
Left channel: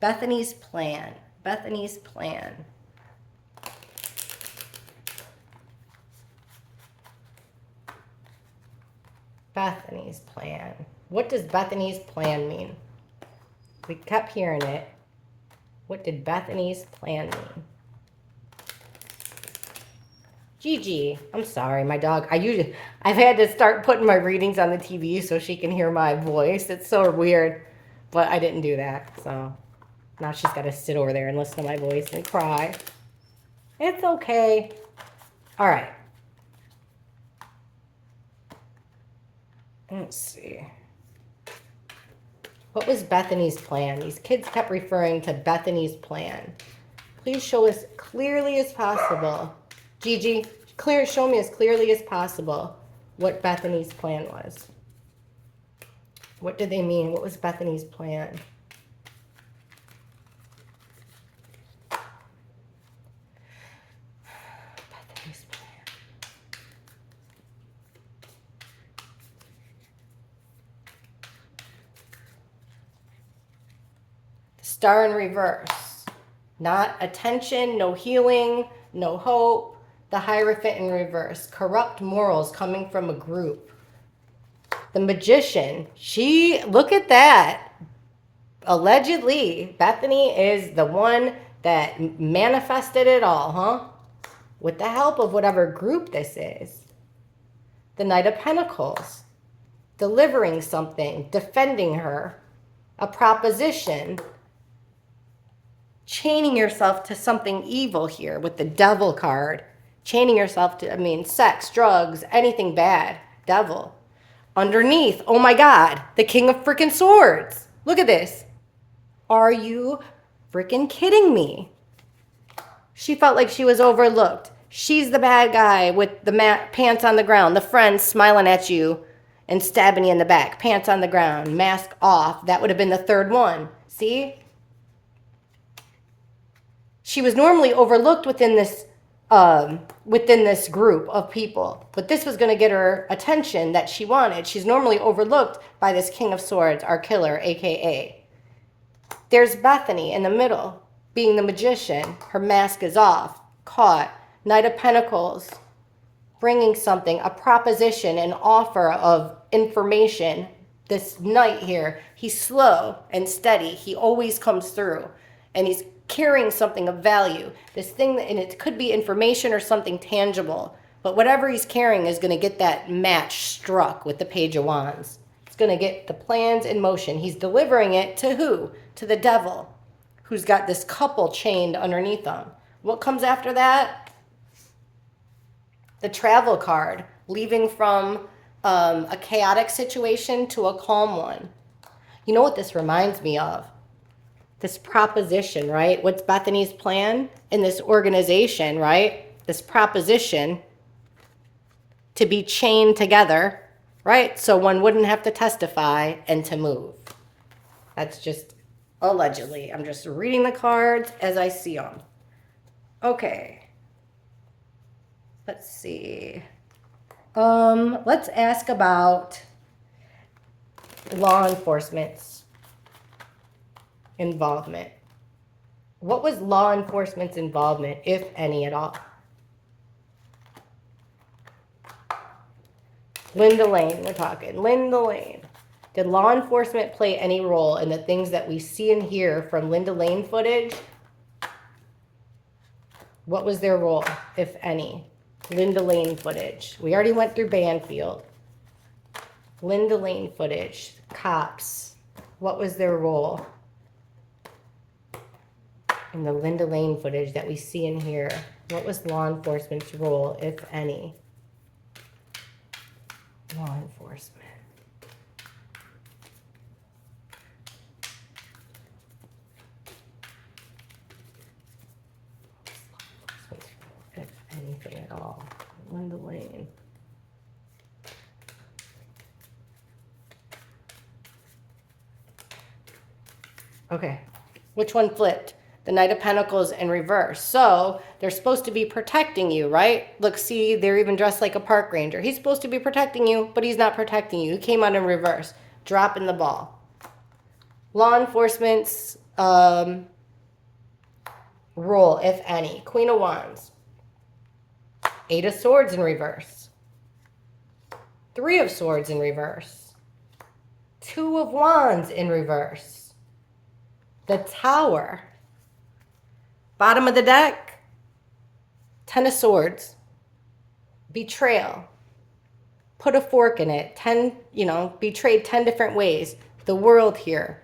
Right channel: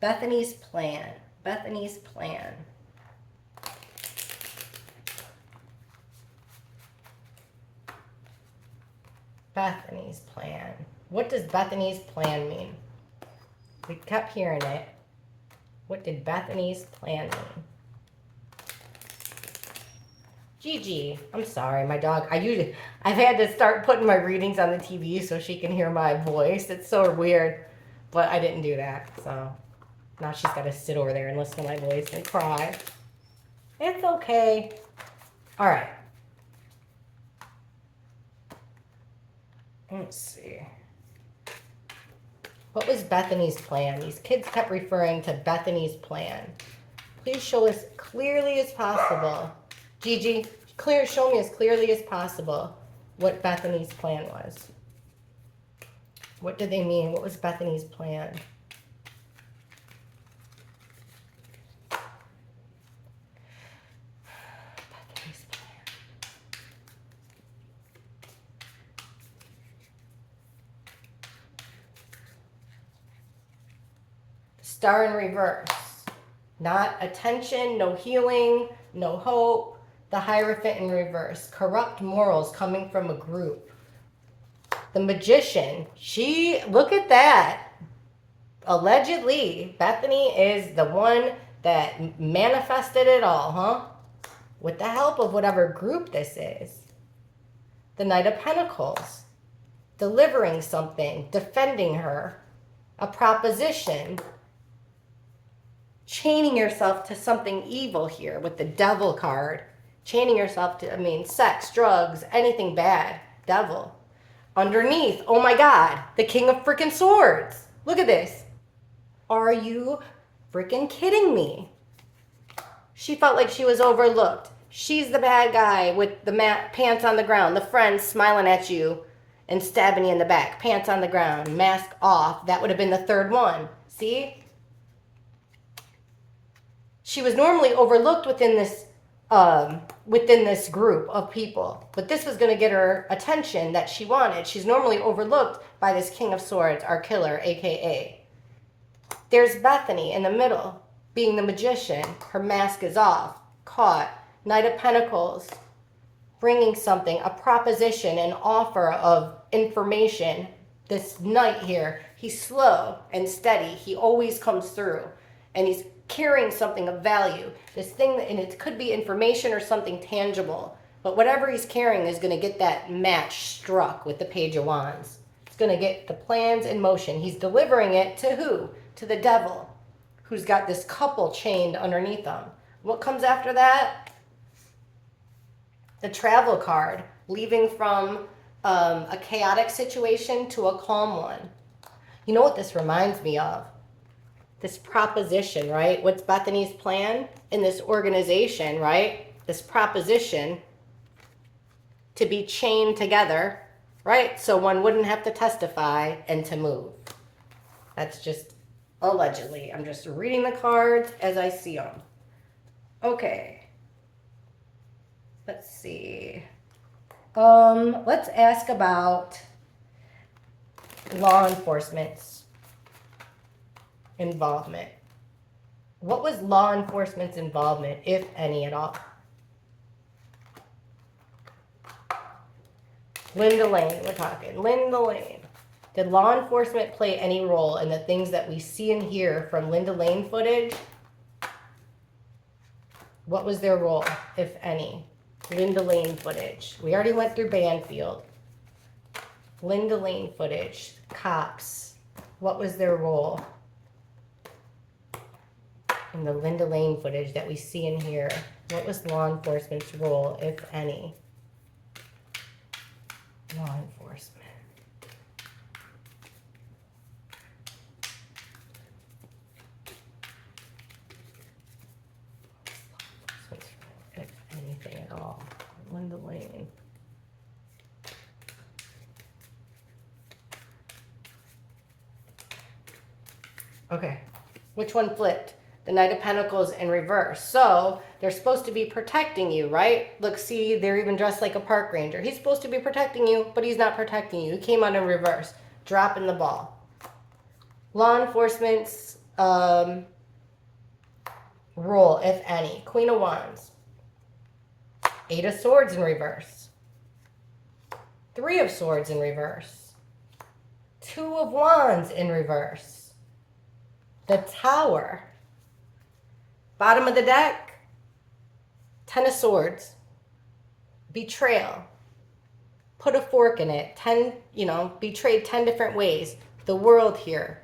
Bethany's plan. Bethany's plan. Bethany's plan. What does Bethany's plan mean? We kept hearing it. What did Bethany's plan mean? Gigi, I'm sorry, my dog. I've had to start putting my readings on the TV so she can hear my voice. It's so weird, but I didn't do that. So now she's got to sit over there and listen to my voice and cry. It's okay. All right. Let's see. What was Bethany's plan? These kids kept referring to Bethany's plan. Please show us clearly as possible. Gigi, show me as clearly as possible what Bethany's plan was. What did they mean? What was Bethany's plan? Bethany's plan. Star in reverse. Not attention, no healing, no hope. The Hierophant in reverse. Corrupt morals coming from a group. The Magician. Look at that. Allegedly, Bethany is the one that manifested it all, huh? With the help of whatever group this is. The Knight of Pentacles. Delivering something. Defending her. A proposition. Chaining yourself to something evil here with the Devil card. Chaining yourself to, sex, drugs, anything bad. Devil. Underneath, oh my God, the King of freaking Swords. Look at this. Are you freaking kidding me? She felt like she was overlooked. She's the bad guy with the pants on the ground. The friend smiling at you and stabbing you in the back. Pants on the ground, mask off. That would have been the third one. See? She was normally overlooked within this group of people, but this was going to get her attention that she wanted. She's normally overlooked by this King of Swords, our killer, aka. There's Bethany in the middle, being the magician. Her mask is off, caught. Knight of Pentacles, bringing something, a proposition, an offer of information. This knight here, he's slow and steady. He always comes through, and he's carrying something of value. This thing, and it could be information or something tangible. But whatever he's carrying is going to get that match struck with the Page of Wands. It's going to get the plans in motion. He's delivering it to who? To the devil, who's got this couple chained underneath him. What comes after that? The travel card, leaving from a chaotic situation to a calm one. You know what this reminds me of? This proposition, right? What's Bethany's plan in this organization, right? This proposition to be chained together, right? So one wouldn't have to testify and to move. That's just allegedly. I'm just reading the cards as I see them. Okay. Let's see. Let's ask about law enforcement's involvement. What was law enforcement's involvement, if any at all? Linda Lane, we're talking. Linda Lane. Did law enforcement play any role in the things that we see and hear from Linda Lane footage? What was their role, if any? Linda Lane footage. We already went through Banfield. Linda Lane footage. Cops. What was their role in the Linda Lane footage that we see and hear? What was law enforcement's role, if any? Law enforcement. If anything at all. Linda Lane. Okay. Which one flipped? The Knight of Pentacles in reverse. So they're supposed to be protecting you, right? Look, see, they're even dressed like a park ranger. He's supposed to be protecting you, but he's not protecting you. He came out in reverse, dropping the ball. Law enforcement's role, if any. Queen of Wands. Eight of Swords in reverse. Three of Swords in reverse. Two of Wands in reverse. The Tower. Bottom of the deck, Ten of Swords, betrayal, put a fork in it, betrayed 10 different ways. The World here.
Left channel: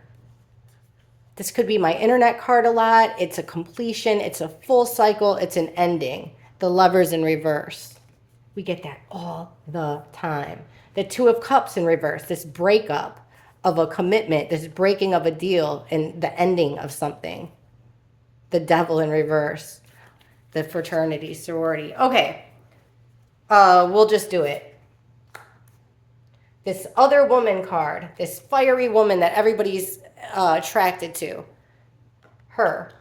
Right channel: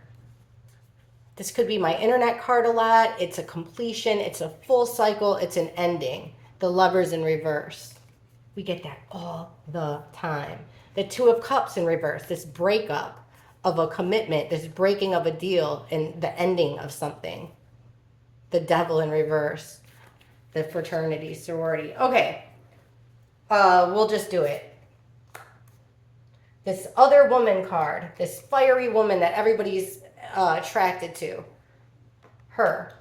This could be my internet card a lot. It's a completion. It's a full cycle. It's an ending. The Lovers in reverse. We get that all the time. The Two of Cups in reverse, this breakup of a commitment, this breaking of a deal and the ending of something. The Devil in reverse, the fraternity, sorority. Okay, we'll just do it. This other woman card, this fiery woman that everybody's attracted to. Her.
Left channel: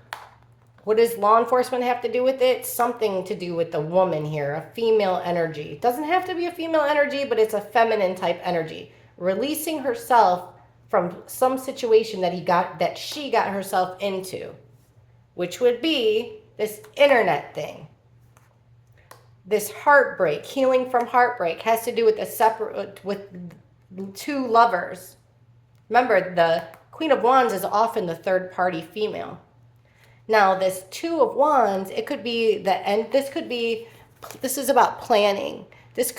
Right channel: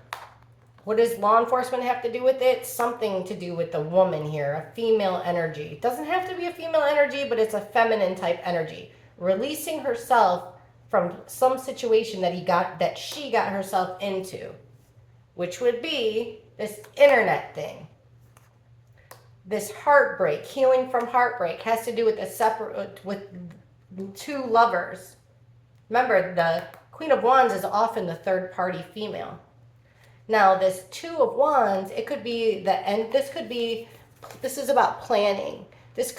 What does law enforcement have to do with it? Something to do with the woman here, a female energy. It doesn't have to be a female energy, but it's a feminine type energy. Releasing herself from some situation that she got herself into. Which would be this internet thing. This heartbreak, healing from heartbreak, has to do with two lovers. Remember, the Queen of Wands is often the third party female. Now, this Two of Wands, it could be this is about planning.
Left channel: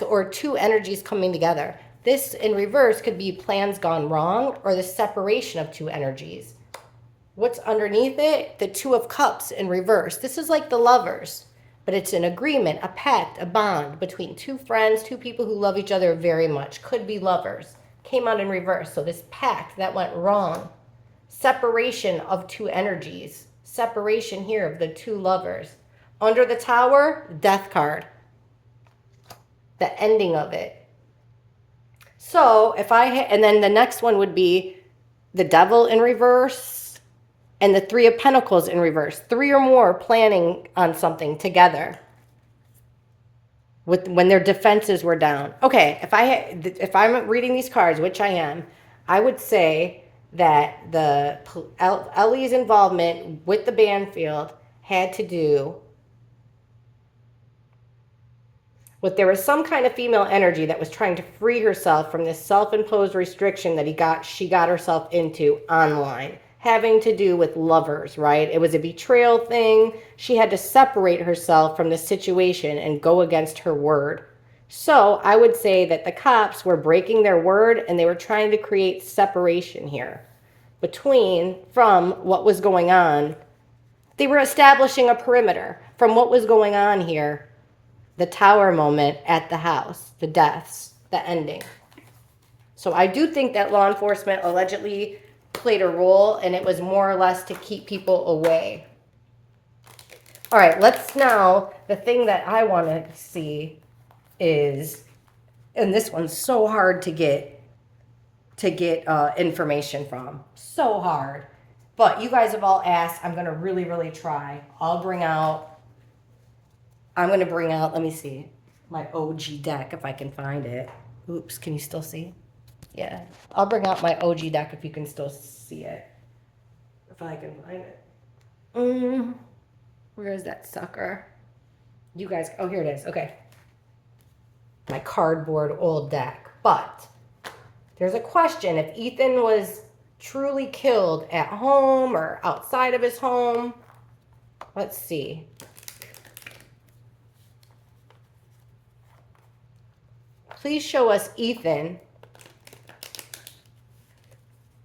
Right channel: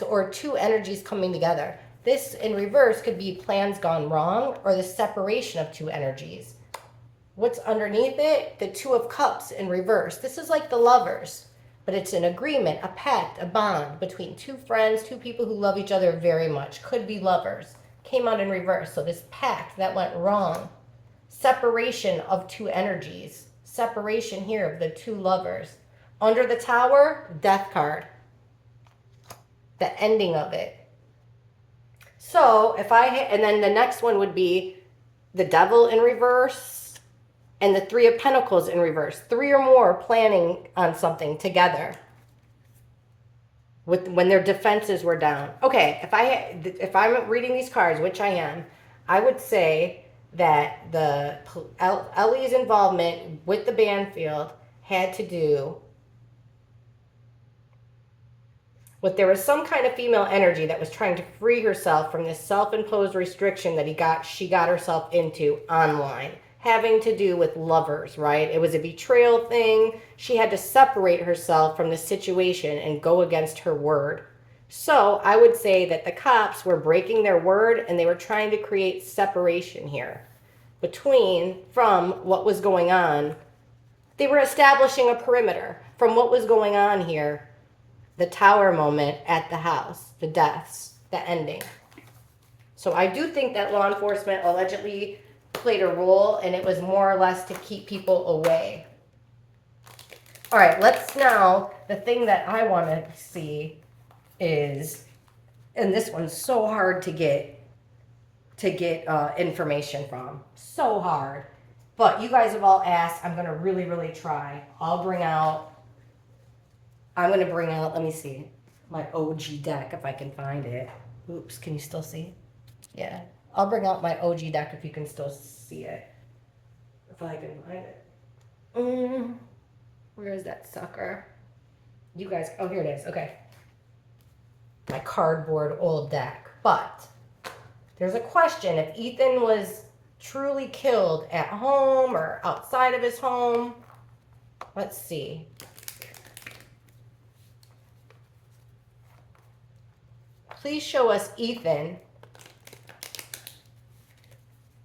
Or two energies coming together. This in reverse could be plans gone wrong or the separation of two energies. What's underneath it? The Two of Cups in reverse. This is like the Lovers, but it's an agreement, a pact, a bond between two friends, two people who love each other very much. Could be lovers. Came out in reverse. So this pact that went wrong. Separation of two energies. Separation here of the two lovers. Under the Tower, Death card. The ending of it. So and then the next one would be the Devil in reverse. And the Three of Pentacles in reverse. Three or more planning on something together. When their defenses were down. Okay, if I'm reading these cards, which I am, I would say that Ellie's involvement with the Banfield had to do with there was some kind of female energy that was trying to free herself from this self-imposed restriction that she got herself into online. having to do with lovers, right? It was a betrayal thing. She had to separate herself from the situation and go against her word. So I would say that the cops were breaking their word and they were trying to create separation here from what was going on. They were establishing a perimeter from what was going on here. The tower moment at the house, the deaths, the ending. So I do think that law enforcement allegedly played a role, and it was more or less to keep people away. All right, let's now, the thing that I want to see is, and this one's so hard to get information from. So hard. But you guys have all asked. I'm going to really, really try. I'm going to bring out, let me see, my OG deck if I can find it. Oops, can you still see? Yeah. I'll bring out my OG deck if you can still see it. If I can find it. Where is that sucker? You guys, oh, here it is. Okay. My cardboard old deck. But there's a question if Ethan was truly killed at home or outside of his home. Let's see. Please show us Ethan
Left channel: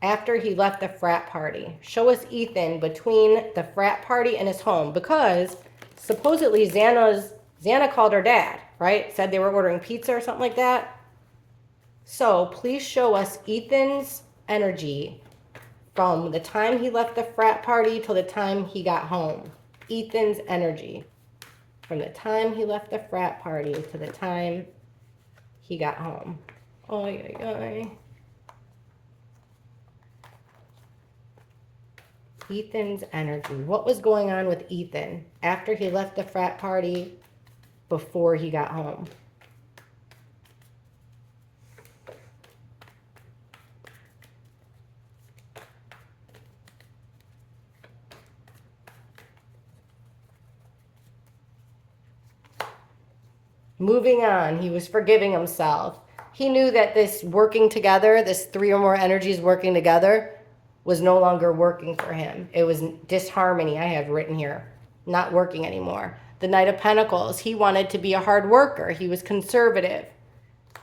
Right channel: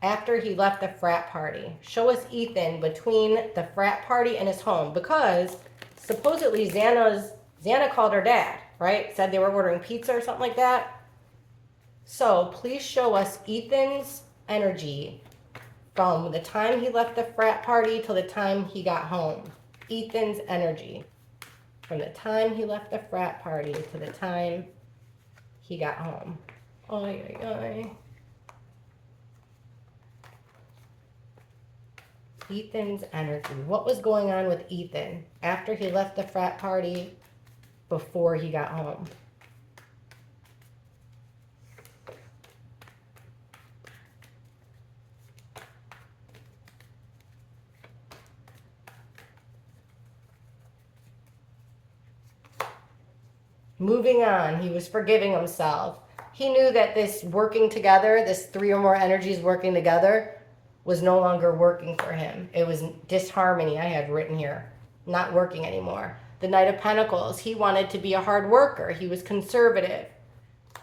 after he left the frat party. Show us Ethan between the frat party and his home, because supposedly Xana called her dad, right? Said they were ordering pizza or something like that. So please show us Ethan's energy from the time he left the frat party till the time he got home. Ethan's energy from the time he left the frat party to the time he got home. Oy, oy, oy. Ethan's energy. What was going on with Ethan after he left the frat party, before he got home? Moving on, he was forgiving himself. He knew that this working together, this 3 or more energies working together, was no longer working for him. It was disharmony, I have written here. Not working anymore. The Knight of Pentacles, he wanted to be a hard worker. He was conservative.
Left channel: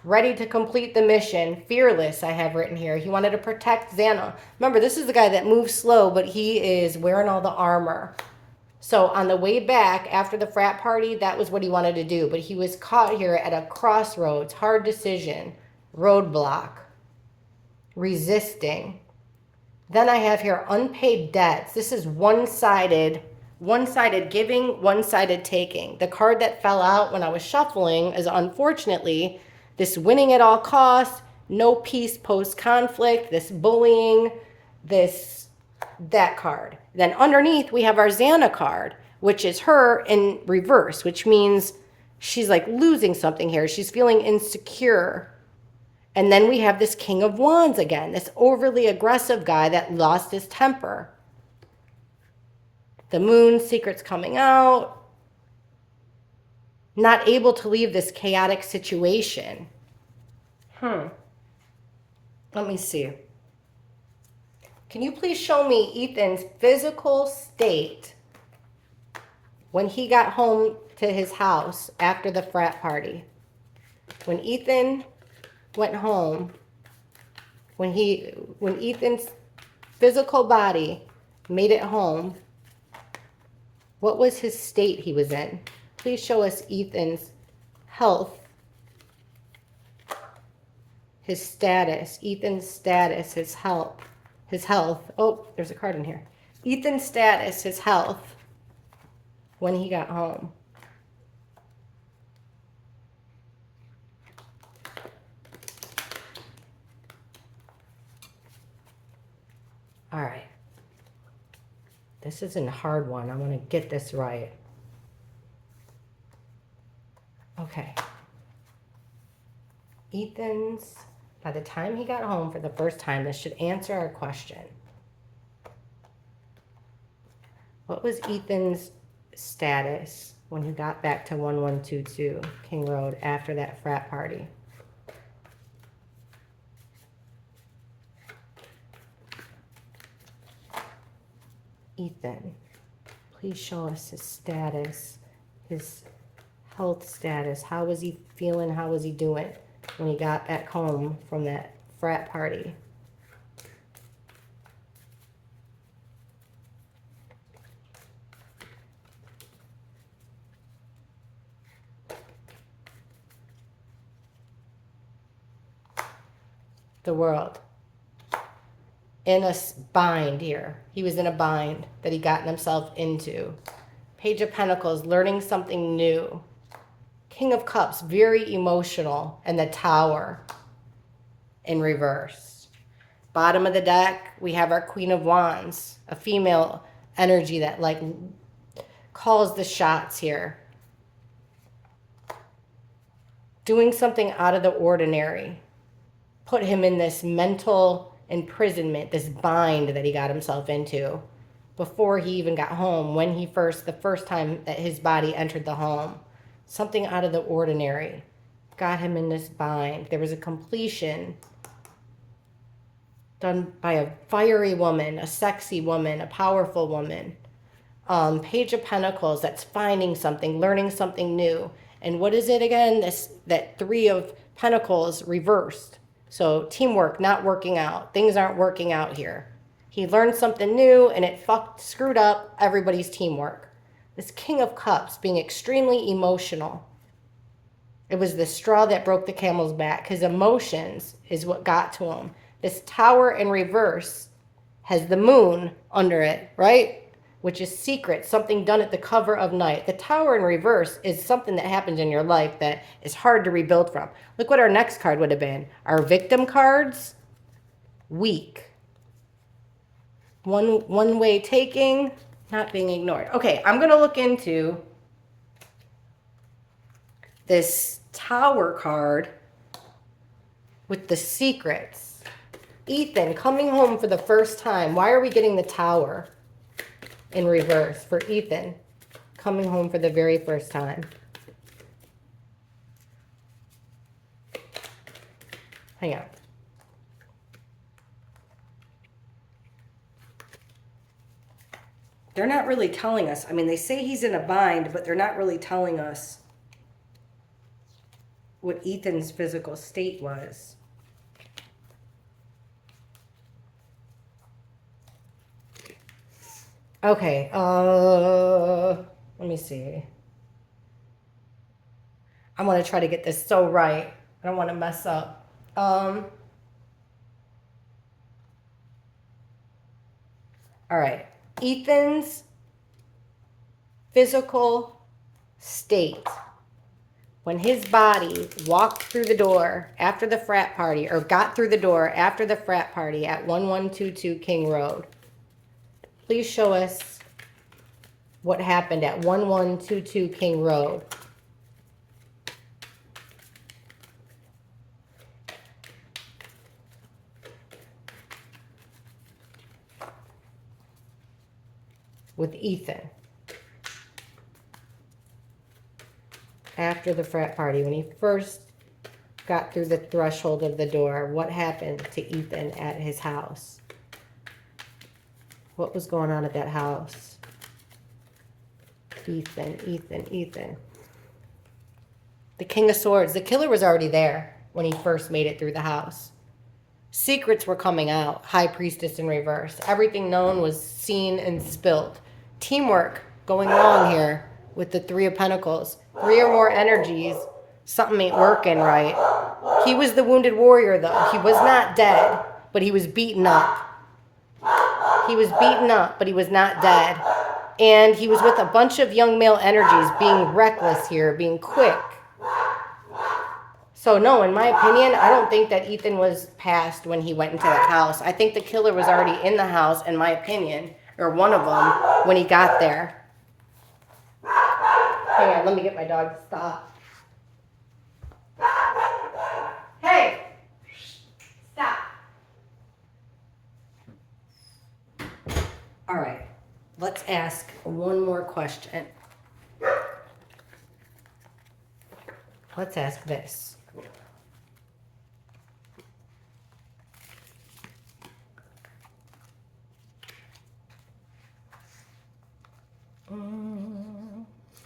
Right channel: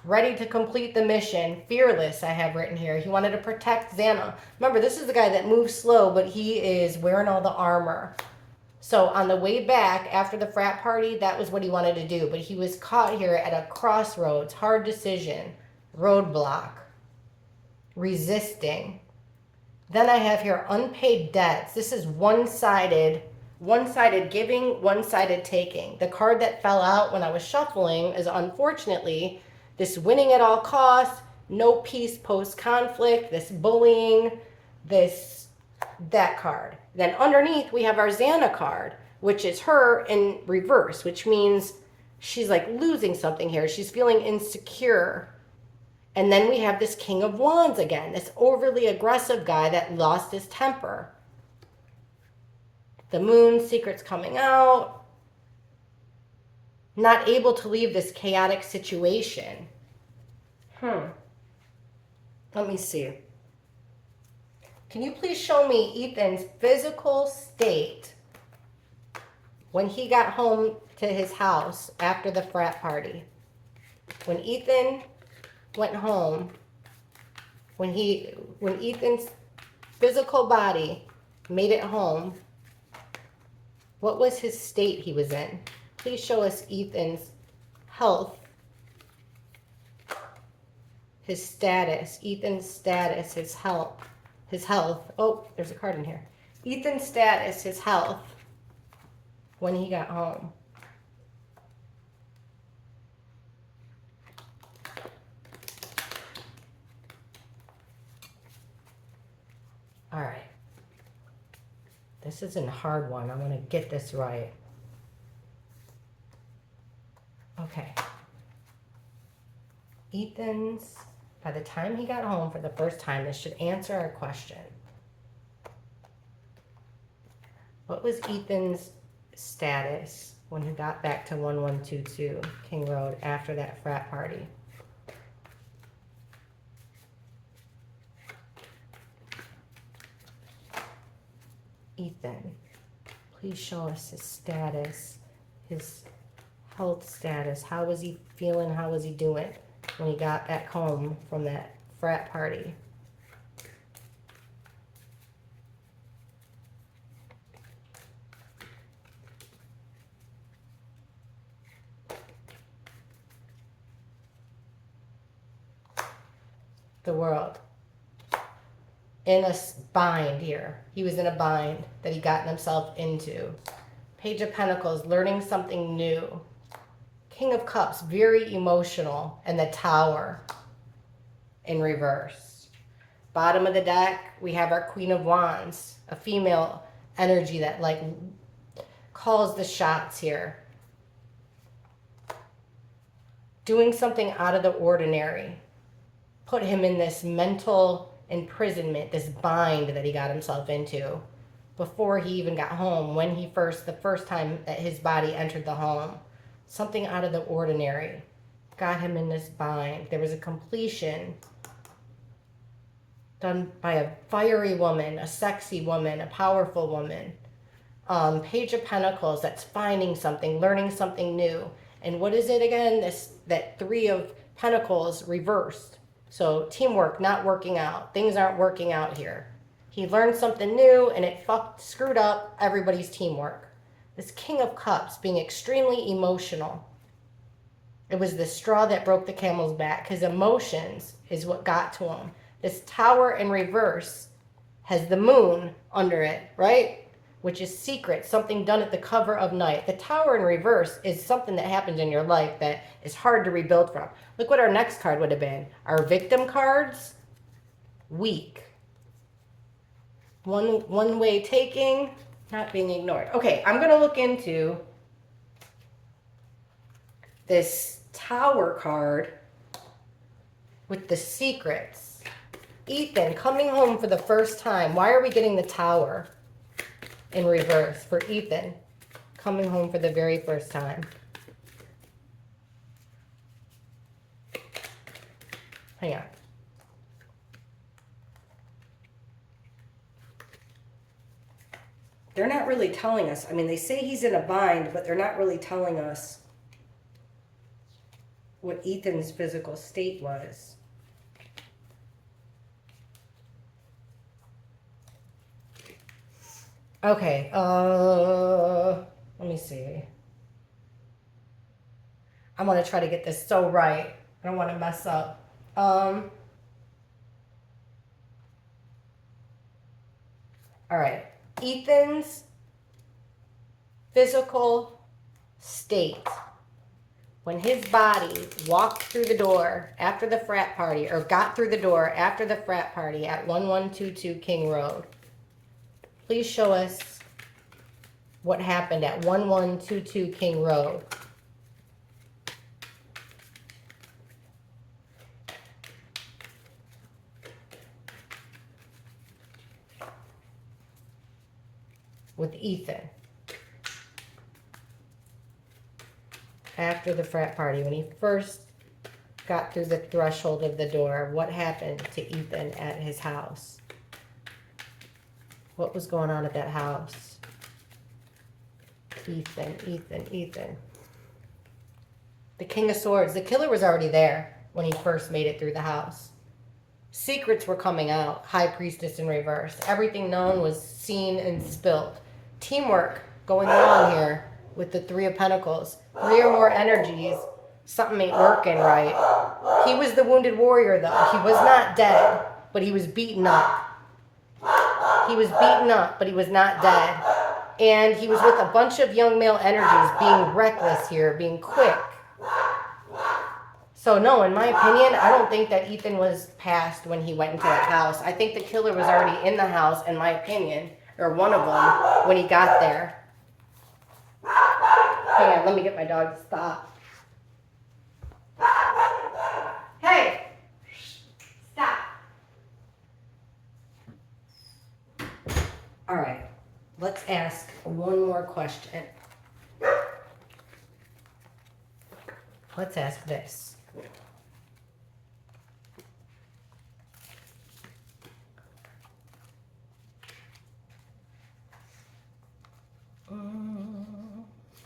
Ready to complete the mission. Fearless, I have written here. He wanted to protect Xana. Remember, this is the guy that moves slow, but he is wearing all the armor. So on the way back after the frat party, that was what he wanted to do. But he was caught here at a crossroads, hard decision, roadblock, resisting. Then I have here unpaid debts. This is one-sided giving, one-sided taking. The card that fell out when I was shuffling is, unfortunately, this winning at all costs, no peace post-conflict, this bullying, that card. Then underneath we have our Xana card, which is her in reverse, which means she's like losing something here. She's feeling insecure. And then we have this King of Wands again, this overly aggressive guy that lost his temper. The Moon, secrets coming out. Not able to leave this chaotic situation. Let me see. Can you please show me Ethan's physical state when he got home to his house after the frat party? When Ethan went home, when Ethan's physical body made it home, what was his state he was in? Please show us Ethan's health, his status, Ethan's status, his health. Oh, there's a card in here. Ethan's status, his health, when he got home. All right. This isn't a hard one. I want to get this right. Okay. Ethan's, by the time he got home for the first time, this should answer our question. What was Ethan's status when he got back to 1122 King Road after that frat party? Ethan, please show us his status, his health status. How was he feeling? How was he doing when he got back home from that frat party? The world. In a bind here. He was in a bind that he gotten himself into. Page of Pentacles, learning something new. King of Cups, very emotional. And the Tower in reverse. Bottom of the deck, we have our Queen of Wands, a female energy that like calls the shots here. Doing something out of the ordinary. Put him in this mental imprisonment, this bind that he got himself into before he even got home, when he the first time that his body entered the home. Something out of the ordinary got him in this bind. There was a completion done by a fiery woman, a sexy woman, a powerful woman. Page of Pentacles, that's finding something, learning something new. And what is it again? That Three of Pentacles reversed. So teamwork not working out. Things aren't working out here. He learned something new and it screwed up everybody's teamwork. This King of Cups being extremely emotional. It was the straw that broke the camel's back. His emotions is what got to him. This Tower in reverse has the moon under it, right? Which is secret, something done at the cover of night. The Tower in reverse is something that happens in your life that is hard to rebuild from. Look what our next card would have been. Our victim cards, weak. One way taking, not being ignored. Okay, I'm going to look into this Tower card with the secrets. Ethan coming home for the first time. Why are we getting the Tower in reverse for Ethan coming home for the very first time? Hang on. They're not really telling us. I mean, they say he's in a bind, but they're not really telling us what Ethan's physical state was. Okay, let me see. I'm going to try to get this so right. I don't want to mess up. All right. Ethan's physical state when his body walked through the door after the frat party, or got through the door after the frat party at 1122 King Road. Please show us what happened at 1122 King Road. With Ethan. After the frat party, when he first got through the threshold of the door, what happened to Ethan at his house? What was going on at that house? Ethan. The King of Swords. The killer was already there when he first made it through the house. Secrets were coming out. High Priestess in reverse. Everything known was seen and spilled. Teamwork going on here with the Three of Pentacles. 3 or more energies. Something ain't working right. He was the wounded warrior, though. He was not dead, but he was beaten up. He was beaten up, but he was not dead. And he was with a bunch of young male energies, being reckless here, being quick. So no, in my opinion, I don't think that Ethan was passed when he went into that house. I think the killer was already in the house, in my opinion, or one of them, when he got there. Hang on, let me get my dog to stop. Hey! Stop. All right, let's ask one more question. Let's ask this.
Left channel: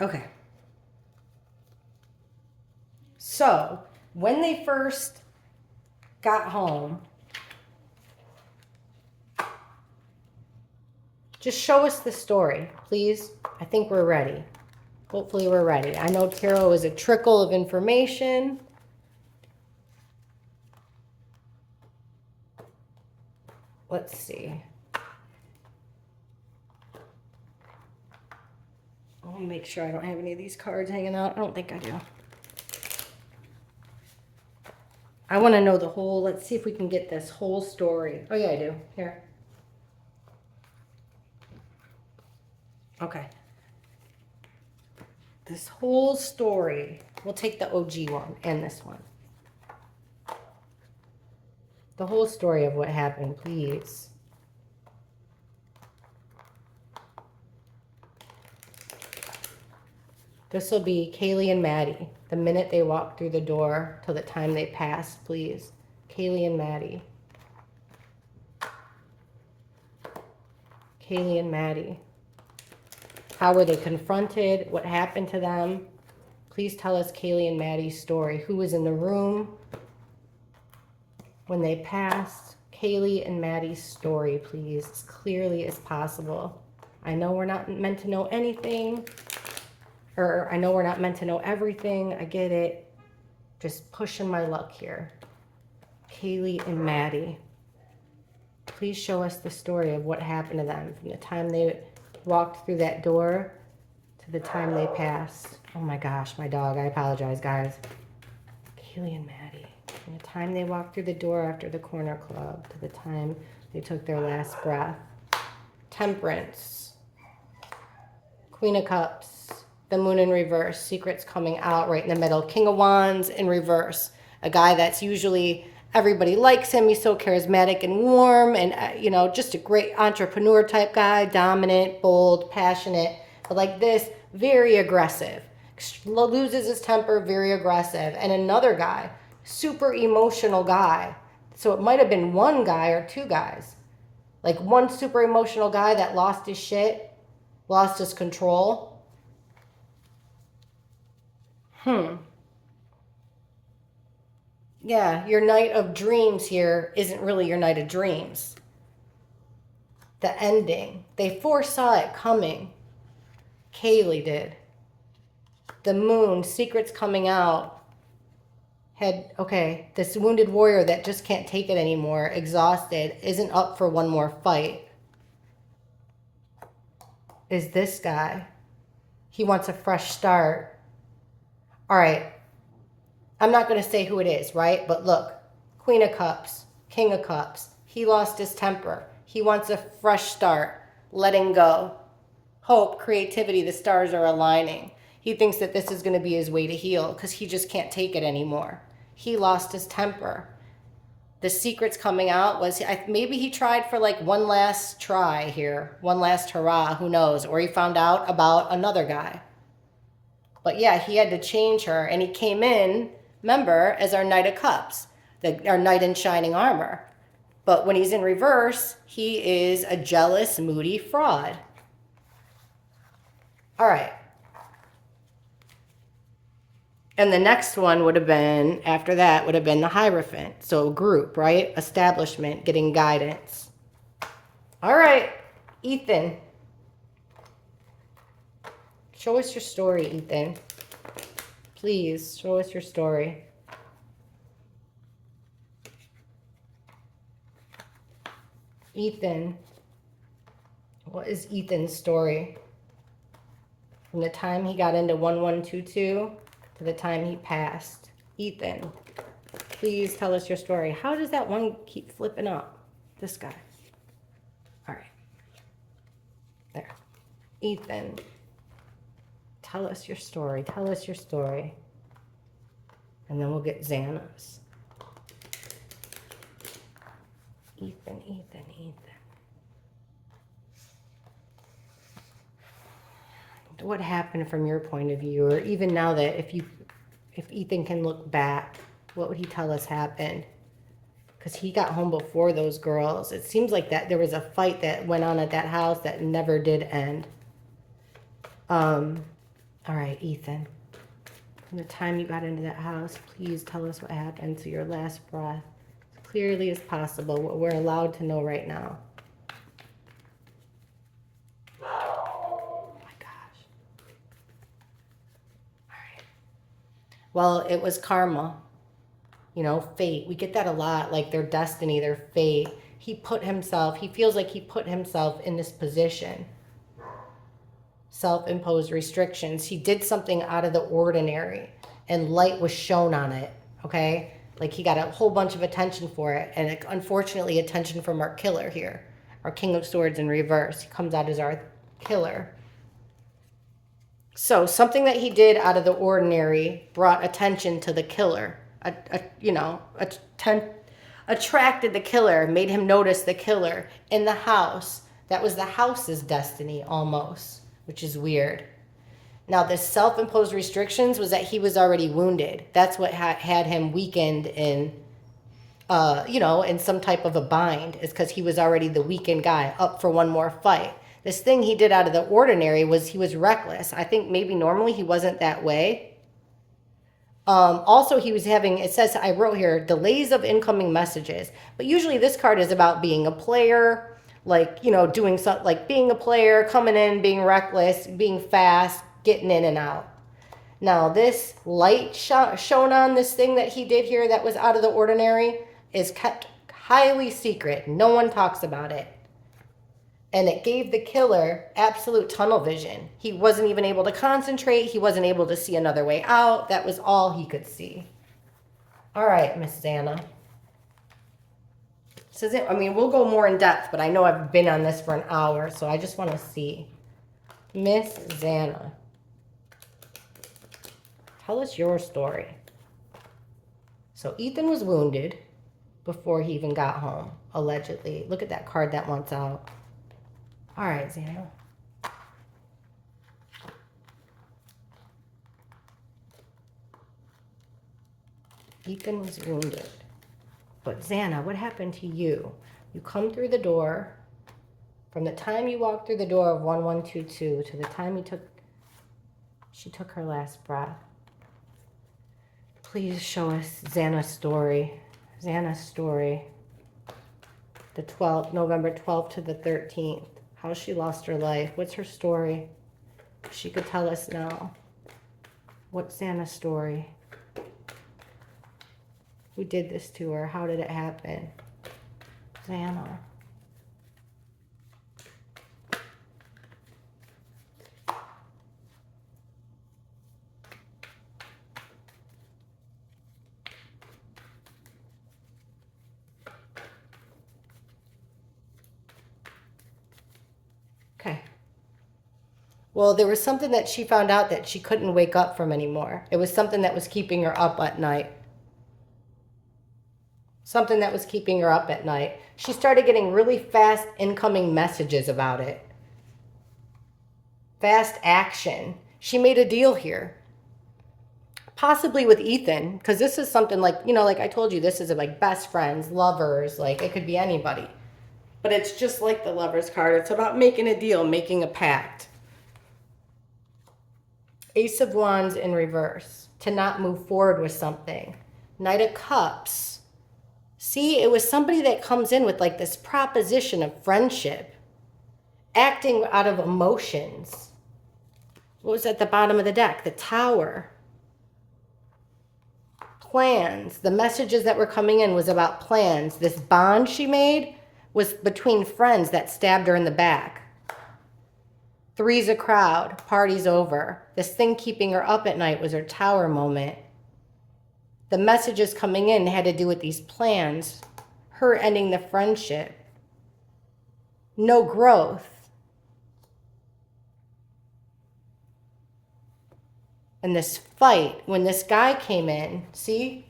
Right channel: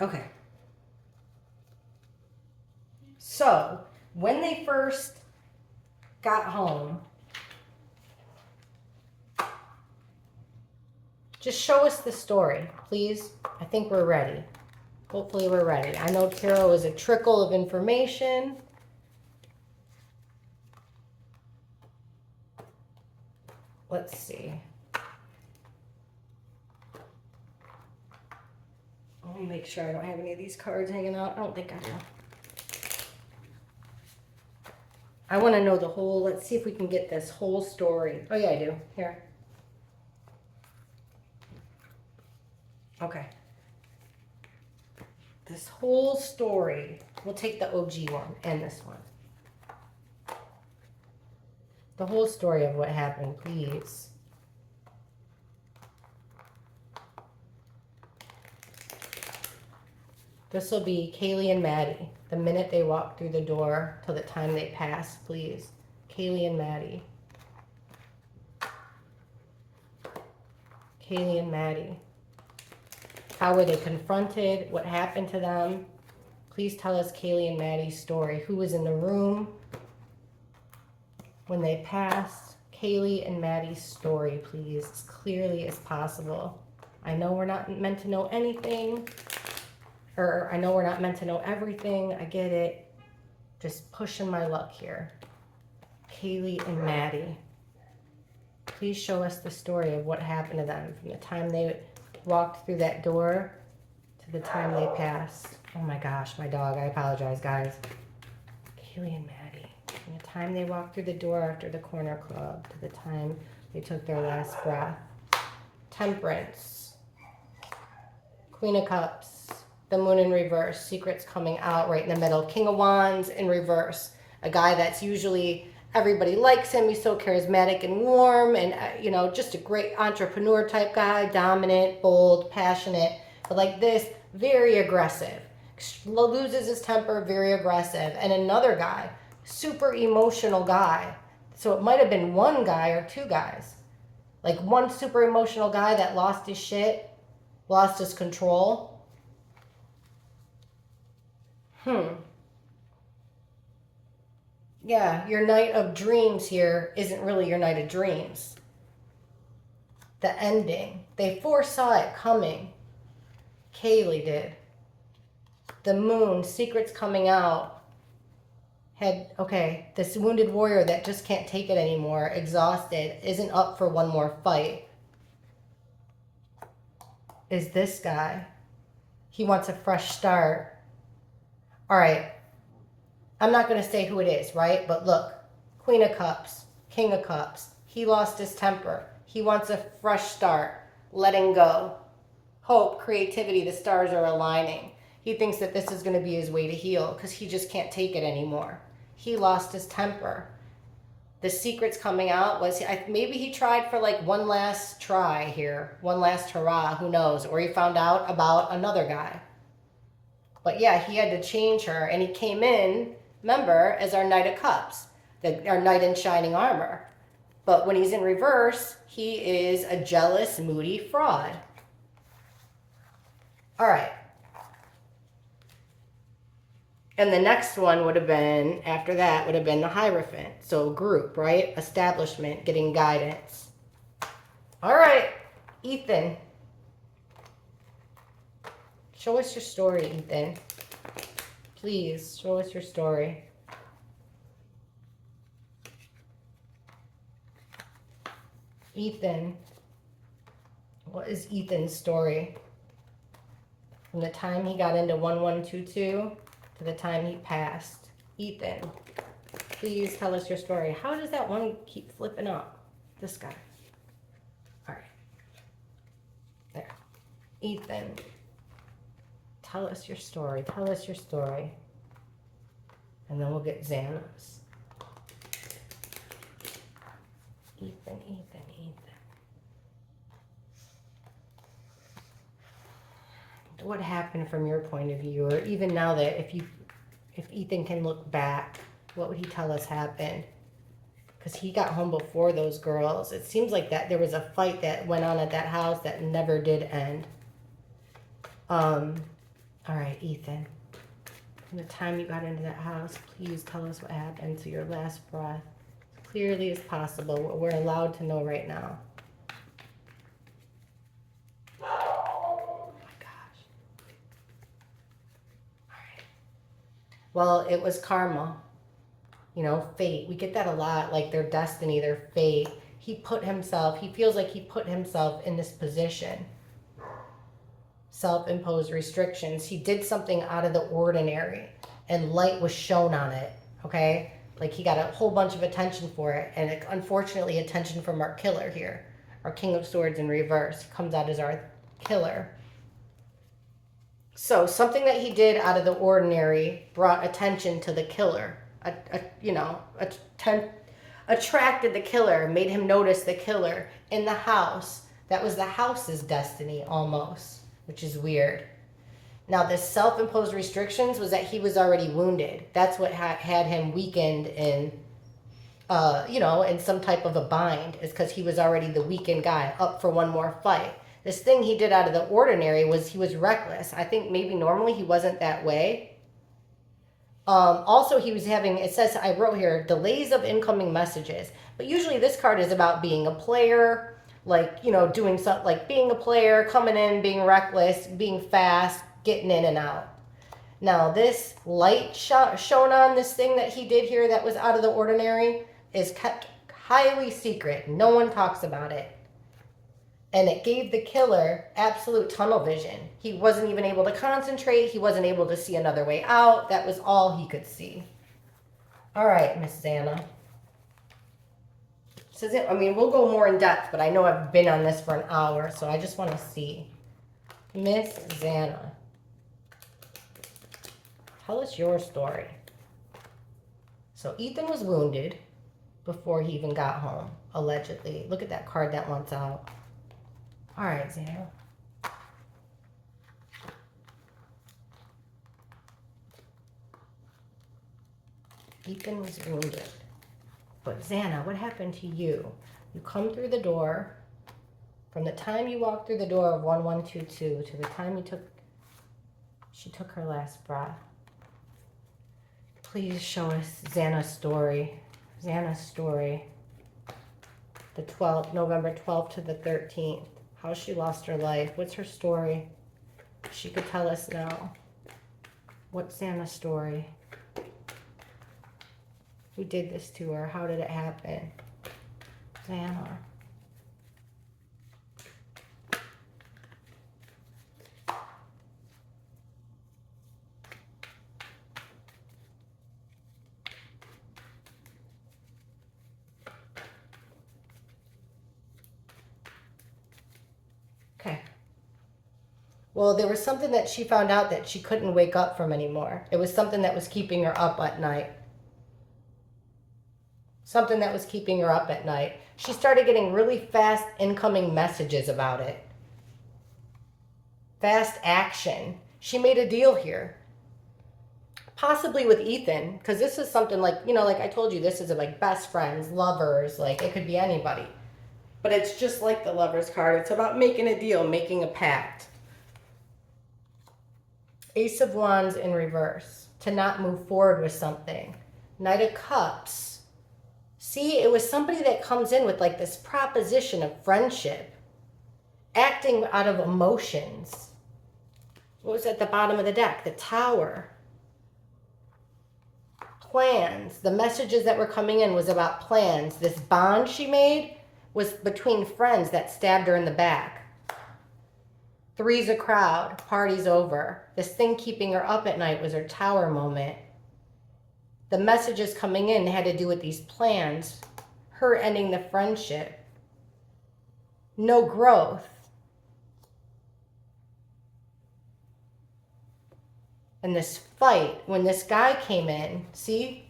Okay. So, when they first got home, just show us the story, please. I think we're ready. Hopefully we're ready. I know tarot is a trickle of information. Let's see. Let me make sure I don't have any of these cards hanging out. I don't think I do. I want to know the whole, let's see if we can get this whole story. Oh yeah, I do. Here. Okay. This whole story. We'll take the OG one and this one. The whole story of what happened, please. This will be Kaylee and Maddie. The minute they walk through the door till the time they pass, please. Kaylee and Maddie. Kaylee and Maddie. How were they confronted? What happened to them? Please tell us Kaylee and Maddie's story. Who was in the room when they passed? Kaylee and Maddie's story, please, as clearly as possible. I know we're not meant to know anything, or I know we're not meant to know everything. I get it. Just pushing my luck here. Kaylee and Maddie. Please show us the story of what happened to them from the time they walked through that door to the time they passed. Oh my gosh, my dog. I apologize, guys. Kaylee and Maddie. From the time they walked through the door after the corner club to the time they took their last breath. Temperance. Queen of Cups. The Moon in reverse. Secrets coming out right in the middle. King of Wands in reverse. A guy that's usually, everybody likes him. He's so charismatic and warm and, you know, just a great entrepreneur type guy. Dominant, bold, passionate. But like this, very aggressive. Loses his temper, very aggressive. And another guy, super emotional guy. So it might have been one guy or two guys. Like one super emotional guy that lost his shit, lost his control. Yeah, your night of dreams here isn't really your night of dreams. The ending. They foresaw it coming. Kaylee did. The moon, secrets coming out. Had, okay, this wounded warrior that just can't take it anymore, exhausted, isn't up for one more fight. Is this guy. He wants a fresh start. All right. I'm not going to say who it is, right? But look, Queen of Cups, King of Cups. He lost his temper. He wants a fresh start, letting go. Hope, creativity, the stars are aligning. He thinks that this is going to be his way to heal because he just can't take it anymore. He lost his temper. The secrets coming out was, maybe he tried for like one last try here, one last hurrah, who knows, or he found out about another guy. But yeah, he had to change her, and he came in, remember, as our Knight of Cups, our Knight in shining armor. But when he's in reverse, he is a jealous, moody fraud. All right. And the next one would have been, after that, would have been the Hierophant. So group, right? Establishment, getting guidance. All right, Ethan. Show us your story, Ethan. Please, show us your story. Ethan. What is Ethan's story? From the time he got into 1122 to the time he passed. Ethan, please tell us your story. How does that one keep flipping up? This guy. All right. There. Ethan. Tell us your story. Tell us your story. And then we'll get Xana's. Ethan, Ethan, Ethan. What happened from your point of view? Or even now that if Ethan can look back, what would he tell us happened? Because he got home before those girls. It seems like that there was a fight that went on at that house that never did end. All right, Ethan. From the time you got into that house, please tell us what happened to your last breath. As clearly as possible, what we're allowed to know right now. Oh my gosh. All right. Well, it was karma. You know, fate. We get that a lot, like their destiny, their fate. He feels like he put himself in this position. Self-imposed restrictions. He did something out of the ordinary and light was shown on it, okay? Like he got a whole bunch of attention for it, and unfortunately attention from our killer here. Our King of Swords in reverse. He comes out as our killer. So something that he did out of the ordinary brought attention to the killer. Attracted the killer, made him notice the killer in the house. That was the house's destiny almost, which is weird. Now, the self-imposed restrictions was that he was already wounded. That's what had him weakened in, in some type of a bind, is because he was already the weakened guy, up for one more fight. This thing he did out of the ordinary was he was reckless. I think maybe normally he wasn't that way. Also, he was having, it says, I wrote here, delays of incoming messages. But usually this card is about being a player, like, doing something, like being a player, coming in, being reckless, being fast, getting in and out. Now, this light shown on this thing that he did here that was out of the ordinary is kept highly secret. No one talks about it. And it gave the killer absolute tunnel vision. He wasn't even able to concentrate. He wasn't able to see another way out. That was all he could see. All right, Miss Xana. We'll go more in depth, but I know I've been on this for an hour, so I just want to see. Miss Xana, tell us your story. So Ethan was wounded before he even got home, allegedly. Look at that card that wants out. All right, Xana. Ethan was wounded. But Xana, what happened to you? You come through the door. From the time you walked through the door of 1122 to the time she took her last breath. Please show us Xana's story. Xana's story. The 12th, November 12th to the 13th. How she lost her life. What's her story? She could tell us now. What's Xana's story? Who did this to her? How did it happen? Xana. Okay. Well, there was something that she found out that she couldn't wake up from anymore. It was something that was keeping her up at night. Something that was keeping her up at night. She started getting really fast incoming messages about it. Fast action. She made a deal here. Possibly with Ethan, because this is something like, like I told you, this is like best friends, lovers, like it could be anybody. But it's just like the Lover's card. It's about making a deal, making a pact. Ace of Wands in reverse. To not move forward with something. Knight of Cups. See, it was somebody that comes in with like this proposition of friendship. Acting out of emotions. What was at the bottom of the deck? The Tower. Plans. The messages that were coming in was about plans. This bond she made was between friends that stabbed her in the back. Three's a crowd. Party's over. This thing keeping her up at night was her Tower moment. The messages coming in had to do with these plans. Her ending the friendship. No growth. And this fight, when this guy came in, see?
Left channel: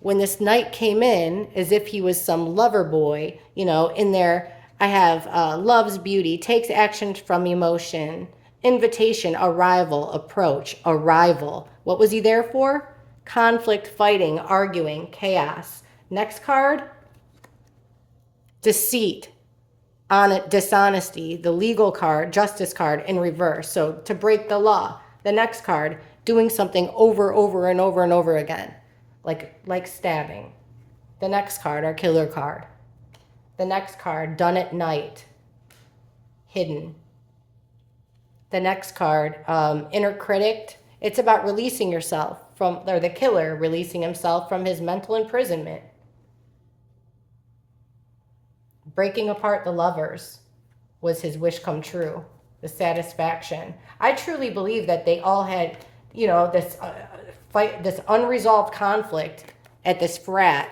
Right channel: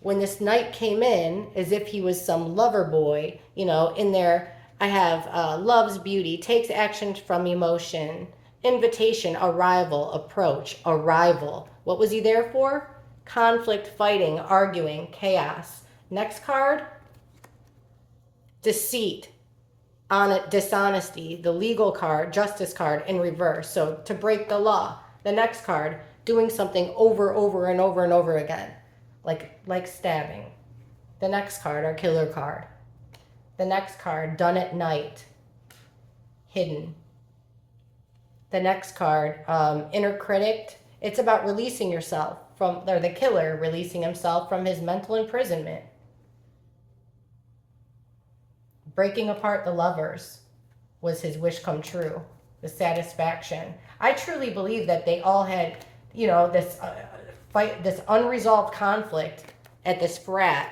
When this knight came in, as if he was some lover boy, in there, I have loves beauty, takes action from emotion, invitation, arrival, approach, arrival. What was he there for? Conflict, fighting, arguing, chaos. Next card, deceit. dishonesty, the legal card, justice card in reverse. So to break the law. The next card, doing something over and over again, like stabbing. The next card, our killer card. The next card, done at night, hidden. The next card, inner critic. It's about releasing yourself from, or the killer releasing himself from his mental imprisonment. Breaking apart the lovers was his wish come true, the satisfaction. I truly believe that they all had, this fight, this unresolved conflict at this frat.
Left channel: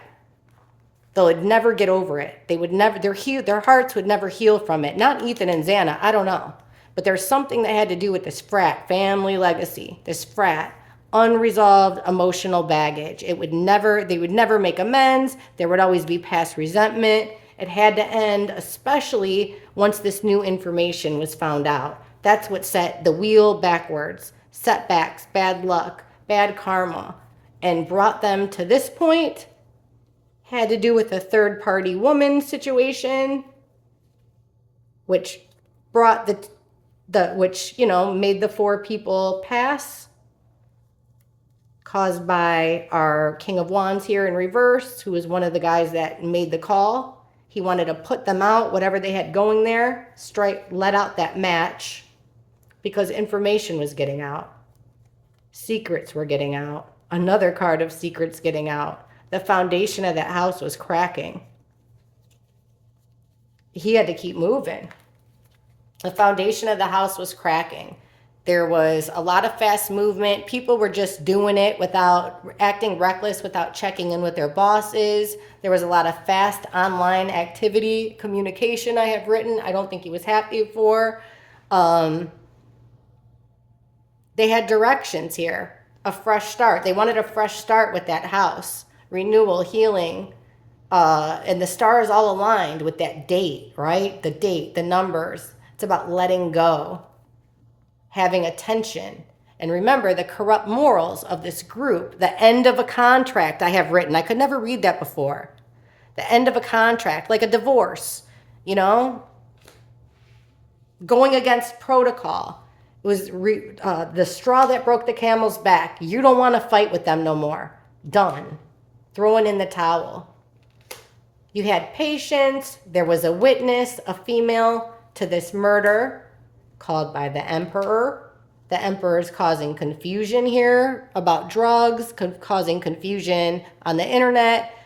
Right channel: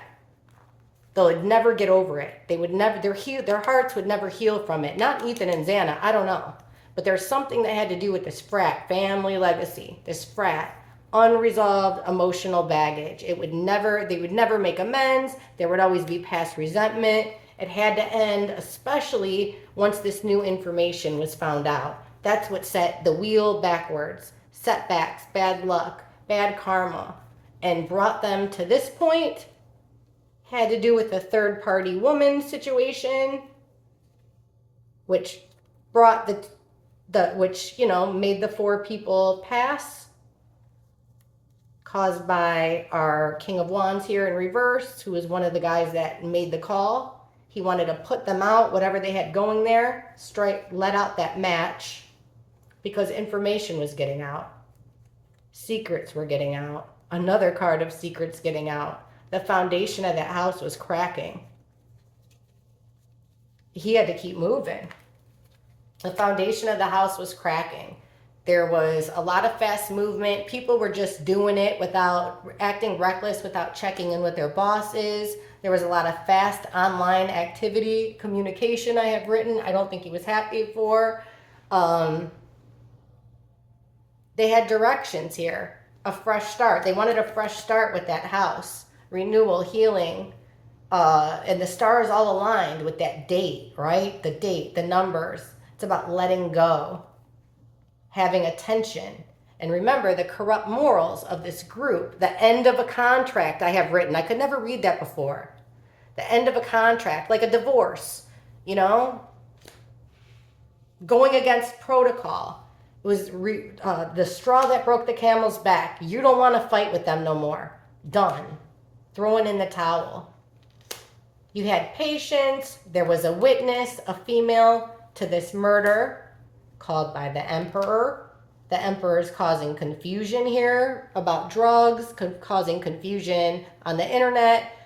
They would never get over it. They would never, their hearts would never heal from it. Not Ethan and Xana, I don't know. But there's something that had to do with this frat, family legacy, this frat, unresolved emotional baggage. They would never make amends. There would always be past resentment. It had to end, especially once this new information was found out. That's what set the wheel backwards. Setbacks, bad luck, bad karma, and brought them to this point. Had to do with the third-party woman situation, which brought made the 4 people pass, caused by our King of Wands here in reverse, who was one of the guys that made the call. He wanted to put them out, whatever they had going there, let out that match, because information was getting out. Secrets were getting out. Another card of secrets getting out. The foundation of that house was cracking. He had to keep moving. The foundation of the house was cracking. There was a lot of fast movement. People were just doing it without acting reckless, without checking in with their bosses. There was a lot of fast online activity, communication I have written. I don't think he was happy for. They had directions here, a fresh start. They wanted a fresh start with that house, renewal, healing, and the stars all aligned with that date, right? The date, the numbers. It's about letting go, having attention. And remember the corrupt morals of this group, the end of a contract I have written. I could never read that before. The end of a contract, like a divorce, going against protocol. It was the straw that broke the camel's back. You don't want to fight with them no more. Done. Throwing in the towel. You had patience. There was a witness, a female, to this murder called by the Emperor. The Emperor is causing confusion here about drugs, causing confusion on the internet,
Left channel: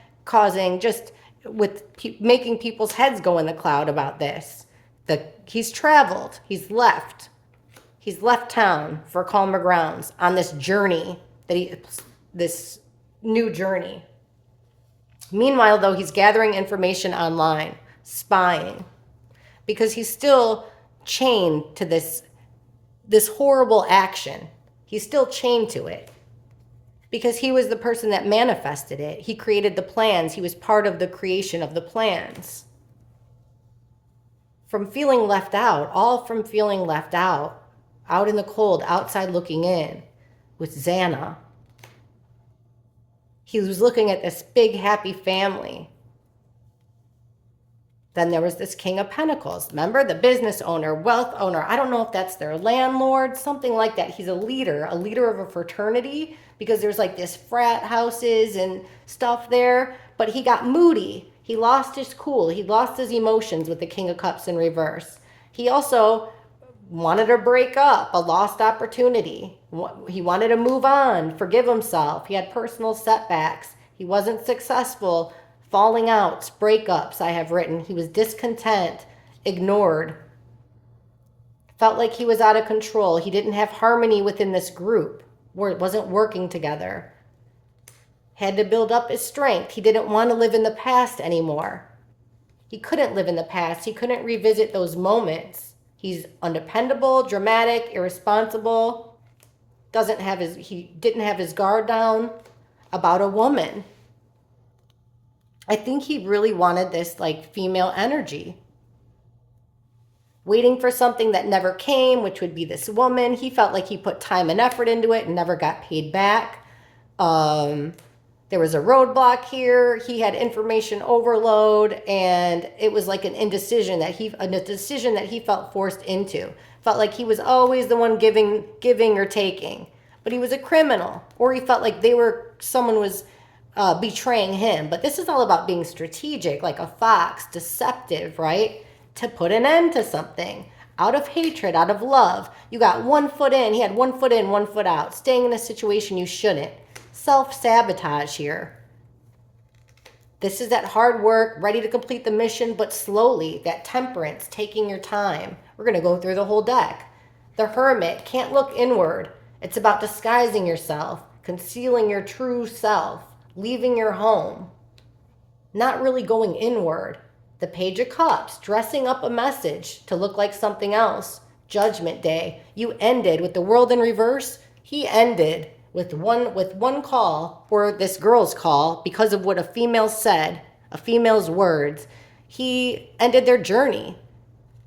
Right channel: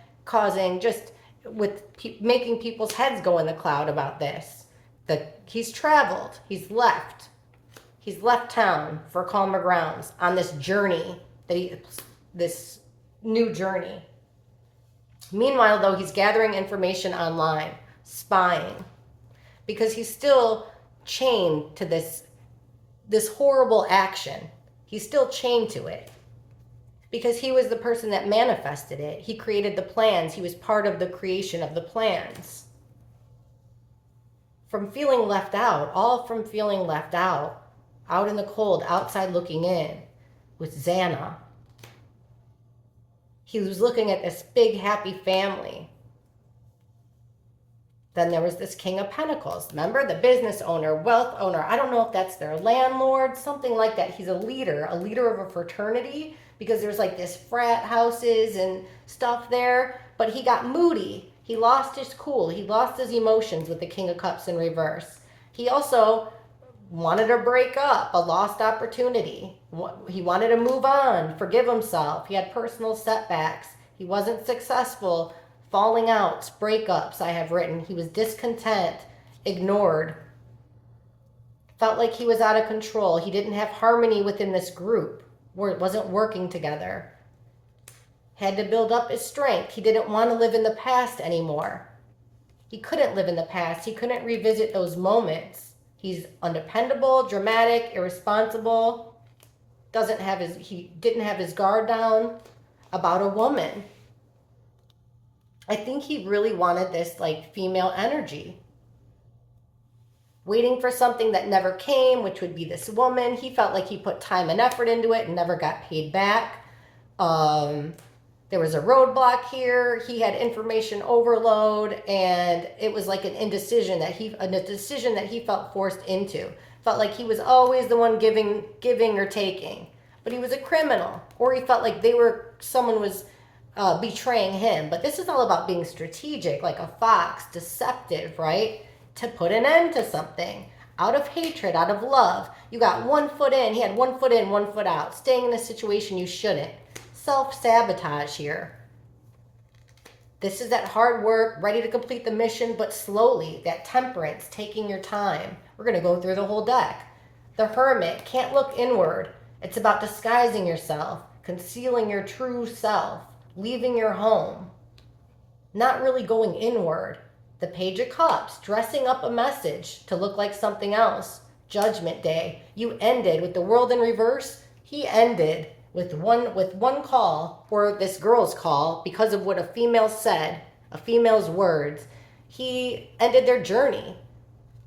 making people's heads go in the cloud about this. He's traveled. He's left town for calmer grounds on this journey, this new journey. Meanwhile, though, he's gathering information online, spying, because he's still chained to this horrible action. He's still chained to it because he was the person that manifested it. He created the plans. He was part of the creation of the plans. From feeling left out, out in the cold, outside looking in with Xana. He was looking at this big, happy family. Then there was this King of Pentacles. Remember? The business owner, wealth owner. I don't know if that's their landlord, something like that. He's a leader of a fraternity, because there's like this frat houses and stuff there. But he got moody. He lost his cool. He lost his emotions with the King of Cups in reverse. He also wanted to break up, a lost opportunity. He wanted to move on, forgive himself. He had personal setbacks. He wasn't successful. Falling outs, breakups, I have written. He was discontent, ignored. Felt like he was out of control. He didn't have harmony within this group. It wasn't working together. Had to build up his strength. He didn't want to live in the past anymore. He couldn't live in the past. He couldn't revisit those moments. He's undependable, dramatic, irresponsible. He didn't have his guard down about a woman. I think he really wanted this like female energy. Waiting for something that never came, which would be this woman. He felt like he put time and effort into it and never got paid back. There was a roadblock here. He had information overload, and it was like an indecision that a decision that he felt forced into. Felt like he was always the one giving or taking, but he was a criminal, or he felt like someone was betraying him. But this is all about being strategic, like a fox, deceptive, right? To put an end to something out of hatred, out of love. You got 1 foot in. He had 1 foot in, 1 foot out, staying in a situation you shouldn't. Self-sabotage here. This is that hard work, ready to complete the mission, but slowly. That temperance, taking your time. We're going to go through the whole deck. The Hermit, can't look inward. It's about disguising yourself, concealing your true self, leaving your home, not really going inward. The Page of Cups, dressing up a message to look like something else. Judgment Day. You ended with the World in reverse. He ended with one call, or this girl's call, because of what a female said, a female's words. He ended their journey.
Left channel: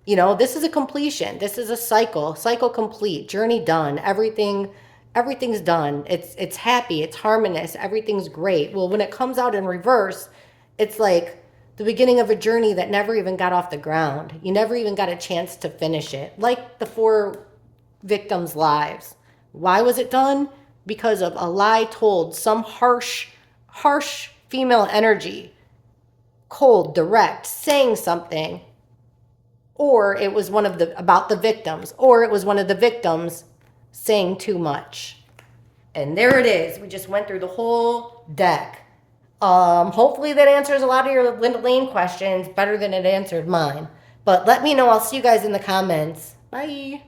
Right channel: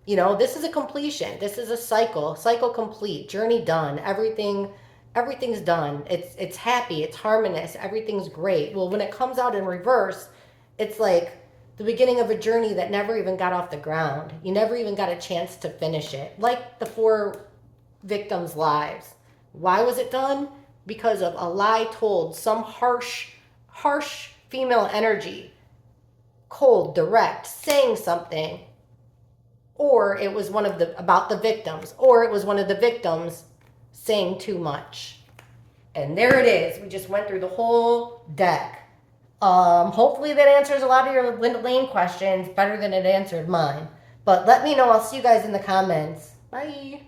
You know, this is a completion. This is a cycle complete, journey done. Everything's done. It's happy, it's harmonious, everything's great. Well, when it comes out in reverse, it's like the beginning of a journey that never even got off the ground. You never even got a chance to finish it. Like the 4 victims' lives. Why was it done? Because of a lie told, some harsh female energy, cold, direct, saying something, or it was about the victims, or it was one of the victims saying too much. And there it is. We just went through the whole deck. Hopefully that answers a lot of your Linda Lane questions better than it answered mine. But let me know. I'll see you guys in the comments. Bye.